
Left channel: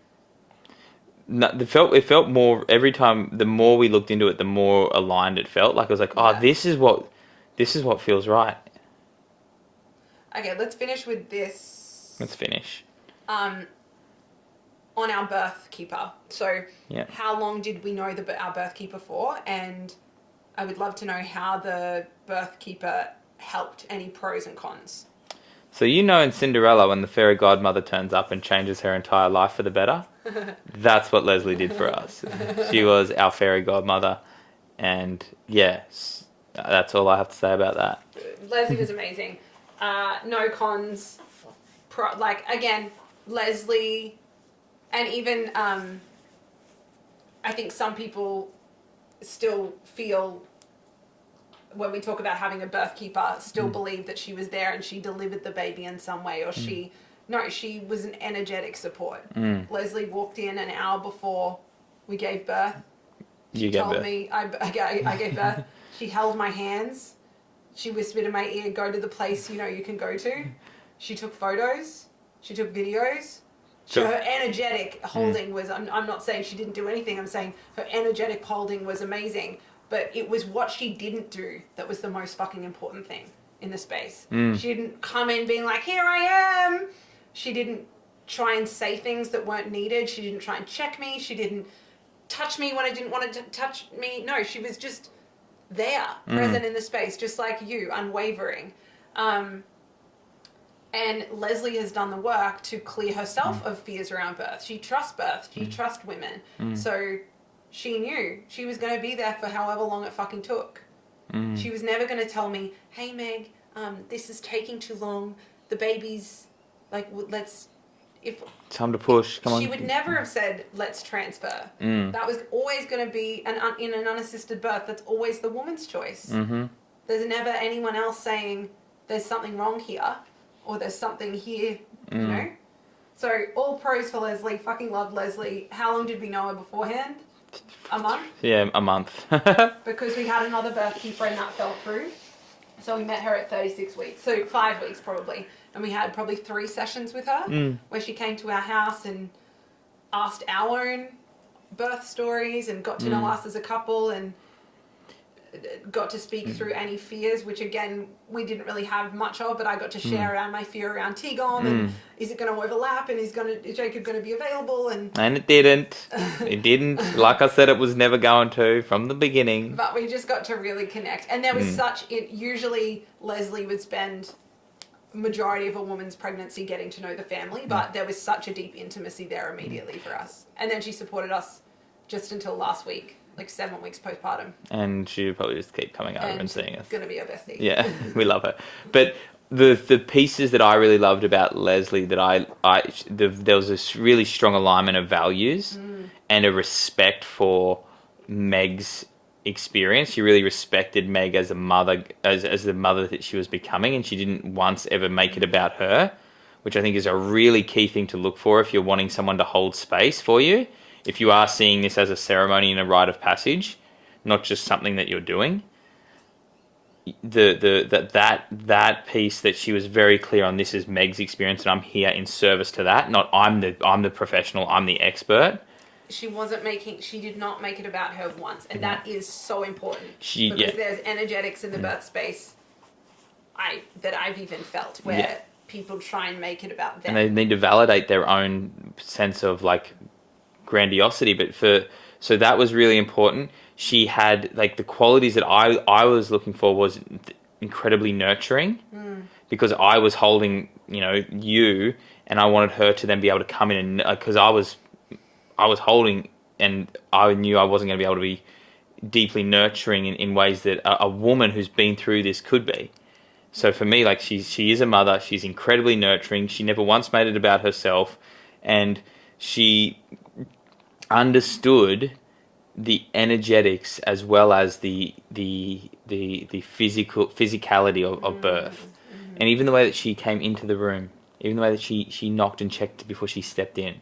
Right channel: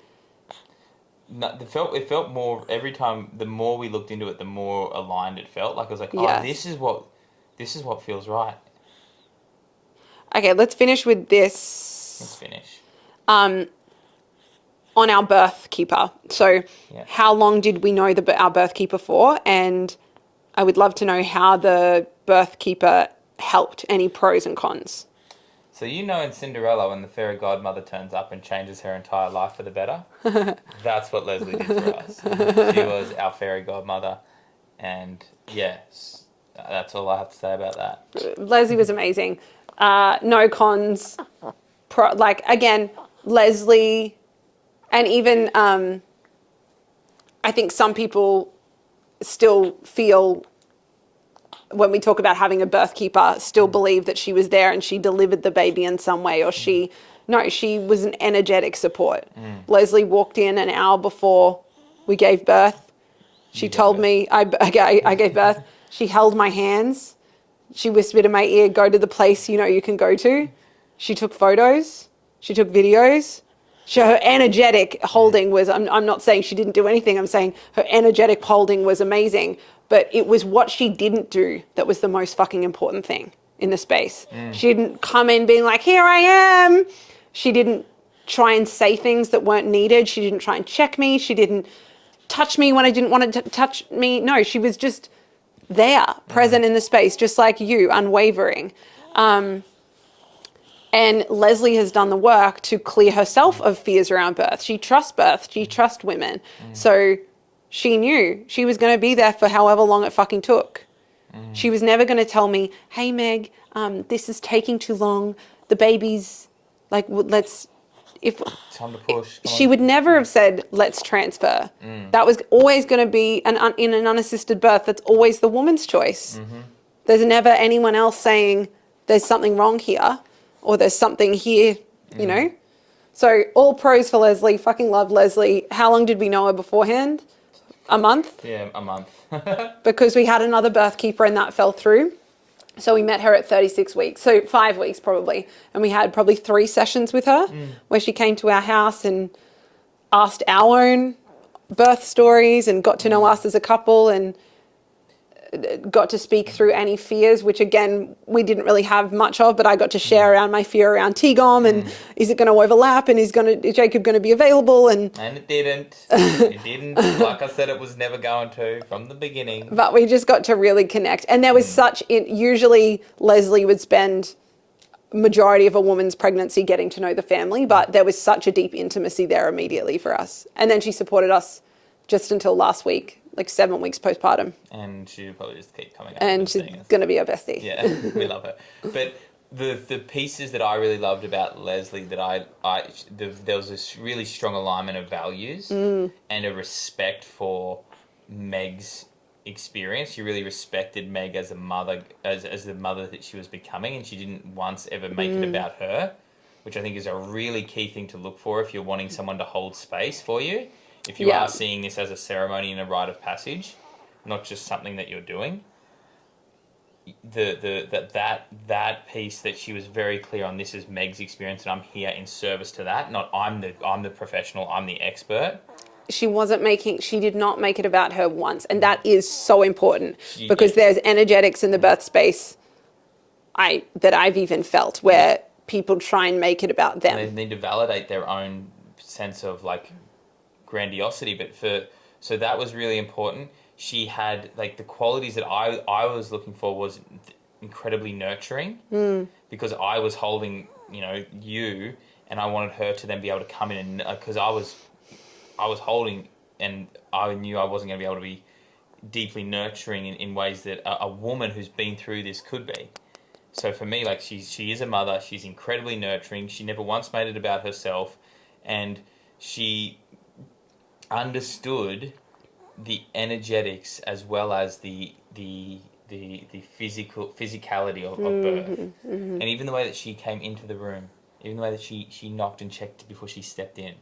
No, it felt more every time. The more we looked into it, the more aligned it felt. Like I was like, oh, this is what feels right. Okay, let's finish with this. Let's finish. On our birth keeper. So, how long did we know our birth keeper for? And I would love to know how the birth keeper helped. Any pros and cons? So in Cinderella, when the fairy godmother turns up and changes her entire life for the better, that's what Leslie did for us. She was our fairy godmother, and yes, that's all I have to say about that. Leslie was amazing. No cons. Again, Leslie, and even I think some people still feel, when we talk about having a birth keeper, still believe that she was there and she delivered the baby in some way, or she was an energetic support. Leslie walked in an hour before we gave birth. She told me I gave birth. She held my hands. She whispered in my ear, go to the place you can go to. She took photos. She took videos. Her energetic holding was, I'm not saying she didn't do anything. I'm saying her energetic holding was amazing. But it was what she didn't do that was the most fucking important thing in the space. She didn't come in being like, here I am. She didn't try and say things that weren't needed. She didn't try and check me. She didn't touch me when I didn't want to touch me. No, she was just there, present in the space, just like you, unwavering. And Leslie has done the work to clear herself of fears around birth. She trusts birth. She trusts women. So she knew she was going to be there for however long it fucking took. She was never going to tell me, hey, Meg, this is taking too long. The baby's like, time to push. Come she on. would never have said, let's transfer. That was always going to be, in an unassisted birth, that's always the woman's choice. There's never anyone else saying there's something wrong here or there's something here, So all pros for Leslie. Fucking love Leslie. How long did we know her beforehand? A month? Yeah, a month. Because we had another birth keeper and that fell through. So we met her at 36 weeks. So 5 weeks probably. And we had probably 3 sessions with her where she came to our house and asked our own birth stories and got to know us as a couple. And got to speak through any fears, which again, we didn't really have much of, but I got to share around my fear around T-GOM and is it going to overlap and is Jacob going to be available? And it didn't. It didn't. Like I said, it was never going to from the beginning. But we just got to really connect. And there was usually Leslie would spend majority of a woman's pregnancy getting to know the family, but there was such a deep intimacy there immediately for us. And then she supported us just until last week, like 7 weeks postpartum. And she'll probably just keep coming out and seeing us. She's going to be our bestie. Yeah, we love her. But the pieces that I really loved about Leslie, that there was this really strong alignment of values and a respect for Meg's experience. She really respected Meg as a mother, as the mother that she was becoming, and she didn't once ever make it about her, which I think is a really key thing to look for if you're wanting someone to hold space for you. If you are seeing this as a ceremony and a rite of passage, not just something that you're doing. That piece that she was very clear on, this is Meg's experience and I'm here in service to that, not I'm the professional, I'm the expert. She did not make it about her once, and that is so important because there's energetics in the birth space that I've even felt where people try and make it about them. And they need to validate their own sense of like grandiosity, so that was really important. She had like the qualities that I was looking for was incredibly nurturing because I was holding, you, and I wanted her to then be able to come in and because I was holding and I knew I wasn't going to be able to be deeply nurturing in ways that a woman who's been through this could be. So for me, like she is a mother, she's incredibly nurturing. She never once made it about herself, and she understood the energetics as well as the physicality of birth. And even the way that she came into the room, even the way that she knocked and checked before she stepped in.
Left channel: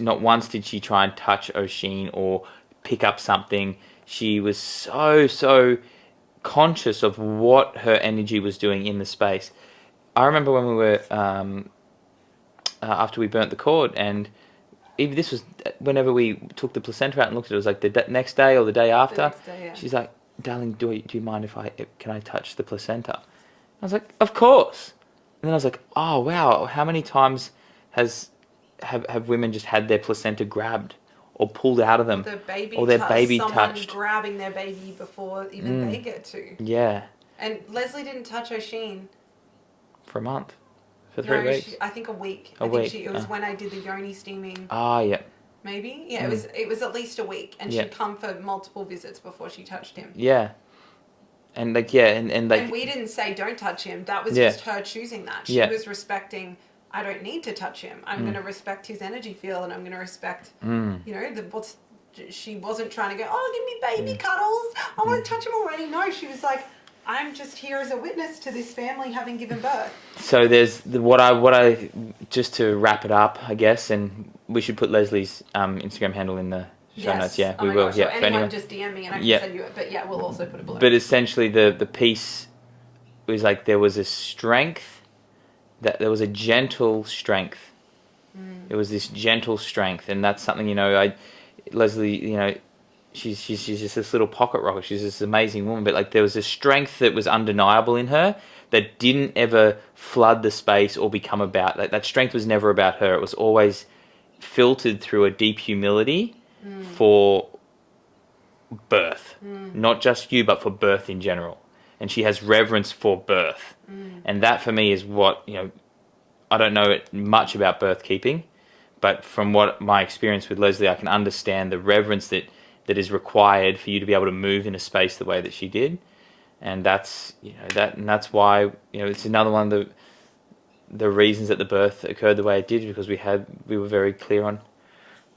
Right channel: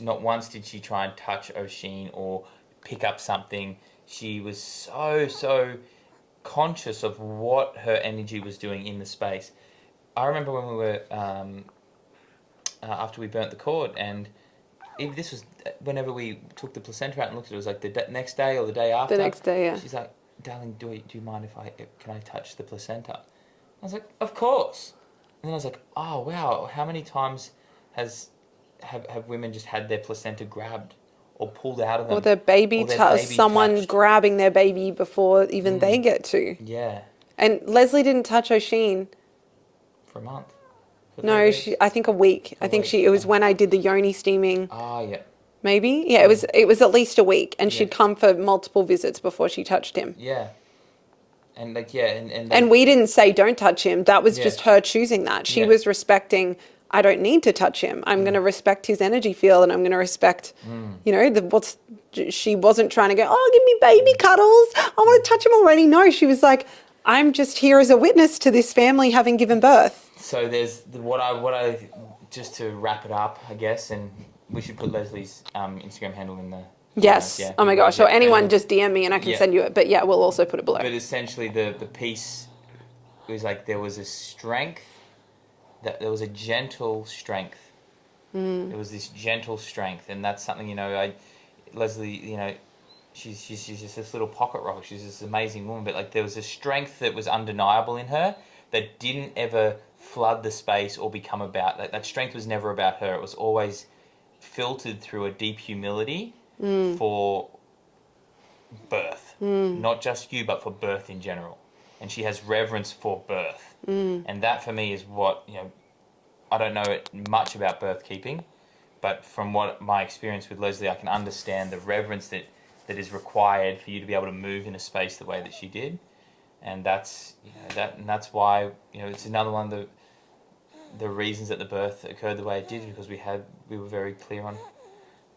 Not once did she try and touch Oisin or pick up something. She was so conscious of what her energy was doing in the space. I remember when we were after we burnt the cord, and even this was whenever we took the placenta out and looked at it, it was like the next day or the day after. The next day, yeah. She's like, "Darling, do you mind can I touch the placenta?" I was like, "Of course." And then I was like, "Oh wow, how many times have women just had their placenta grabbed or pulled out of them, or their baby someone touched. Grabbing their baby before even they get to?" Yeah. And Leslie didn't touch Oisin for a month. No, I think a week. It was when I did the yoni steaming. Ah, yeah. Maybe? Yeah, it was at least a week, and she'd come for multiple visits before she touched him. Yeah. And and we didn't say don't touch him. That was just her choosing that. She was respecting, I don't need to touch him. I'm going to respect his energy field, and I'm going to respect, she wasn't trying to go, "Oh, give me baby cuddles. I want to touch him already." No, she was like, "I'm just here as a witness to this family having given birth." So there's what I just to wrap it up, I guess, and we should put Leslie's Instagram handle in the show notes. Yeah. Oh my gosh. So anyone just DM me and I can send you it. But yeah, we'll also put it below. But essentially the piece was like there was a strength, that there was a gentle strength. There was this gentle strength, and that's something, Leslie, she's just this little pocket rocket. She's this amazing woman, but like there was a strength that was undeniable in her that didn't ever flood the space or become about, that strength was never about her. It was always filtered through a deep humility for birth, not just you, but for birth in general. And she has reverence for birth. And that for me is what, I don't know much about birth keeping, but from what my experience with Leslie, I can understand the reverence that is required for you to be able to move in a space the way that she did. And that's that's why it's another one of the reasons that the birth occurred the way it did, because we were very clear on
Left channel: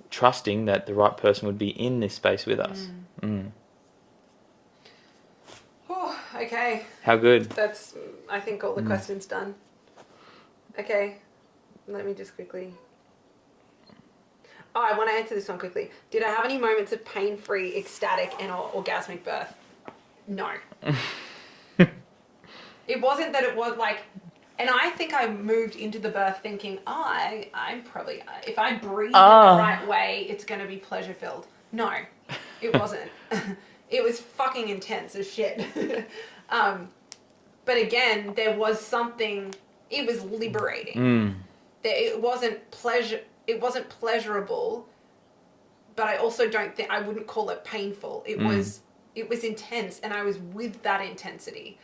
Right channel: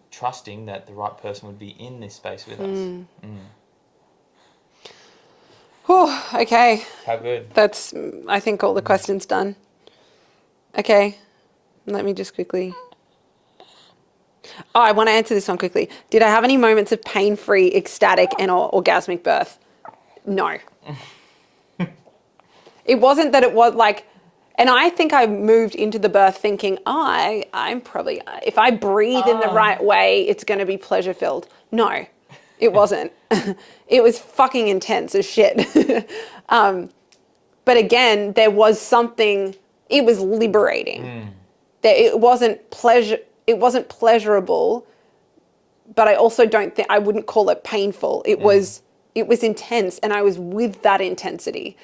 trusting that the right person would be in this space with us. Whew, okay. How good? That's, I think, all the questions done. Okay, let me just quickly. Oh, I want to answer this one quickly. Did I have any moments of pain-free, ecstatic, and orgasmic birth? No. It wasn't that it was like, and I think I moved into the birth thinking, I'm probably, if I breathe in the right way, it's going to be pleasure-filled. No, it wasn't. It was fucking intense as shit. But again, there was something, it was liberating. That it wasn't pleasurable, but I also don't think, I wouldn't call it painful. It was intense, and I was with that intensity.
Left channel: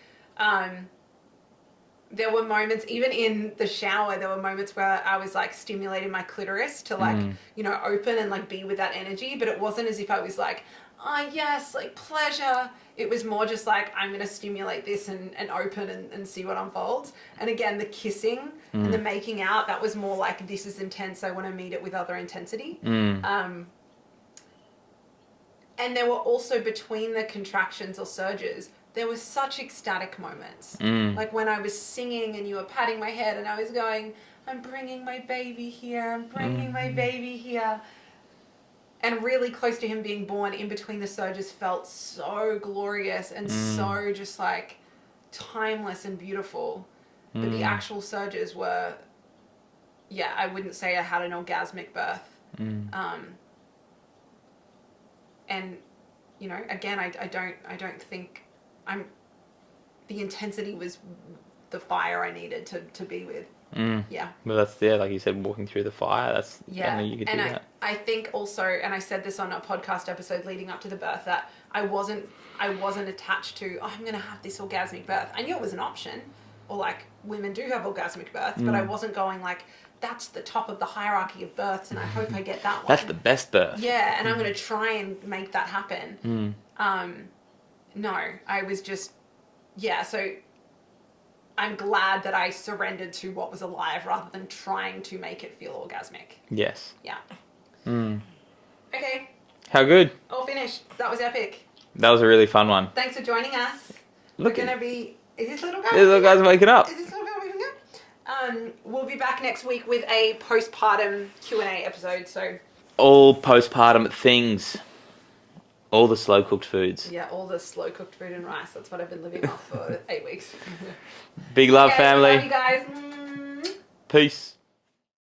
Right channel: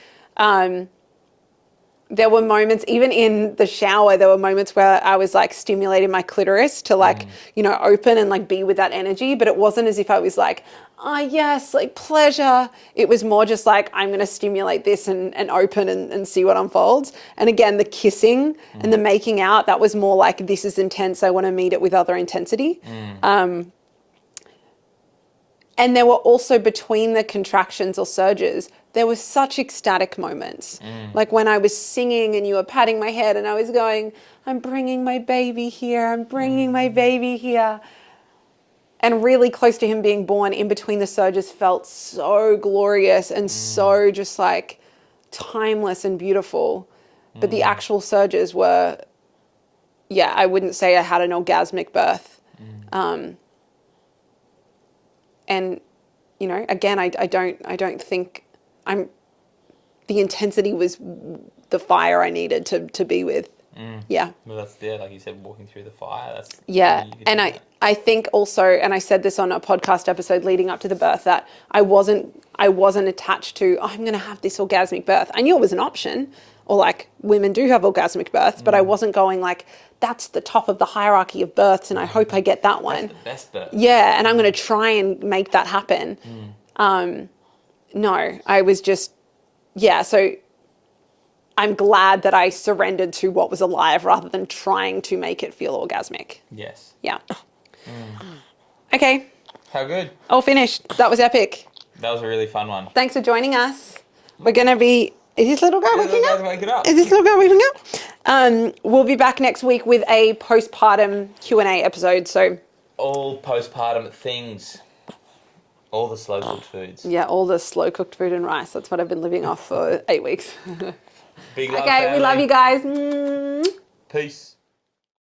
There were moments, even in the shower, there were moments where I was like stimulating my clitoris to like, you know, open and like be with that energy. But it wasn't as if I was like, oh yes, like pleasure. It was more just like, I'm going to stimulate this and open and see what unfolds. And again, the kissing and the making out, that was more like, this is intense. I want to meet it with other intensity. And there were also, between the contractions or surges, there were such ecstatic moments. Like when I was singing and you were patting my head and I was going, I'm bringing my baby here. I'm bringing my baby here. And really close to him being born, in between the surges, felt so glorious and so just like timeless and beautiful. But the actual surges were, yeah, I wouldn't say I had an orgasmic birth. And, you know, again, I don't think the intensity was the fire I needed to be with. Yeah. Well, that's there, like you said, walking through the fire. That's and I think also, and I said this on a podcast episode leading up to the birth, that I wasn't attached to, oh, I'm going to have this orgasmic birth. I knew it was an option, or like women do have orgasmic births, but I wasn't going like, that's the top of the hierarchy of births, and I hope I get that one. That's the best birth. Yeah, and I'm going to try and make that happen. No, I was just, yeah, so I'm glad that I surrendered to what was alive rather than trying to make it feel orgasmic. Yes. Yeah. Okay. How good. All finished. That was epic. That was a really fun one. Thanks for joining us. We're going to be... Is this little guy waking up? Little guy's waking up. Is this little guy waking up? We'll be back next week with a postpartum Q&A episode, so... All postpartum things. All the slow-cooked foods. Yeah, all the slow-cooked food and rice. That's what I've been living off for 8 weeks. Big love, okay, family. We love you guys. Peace.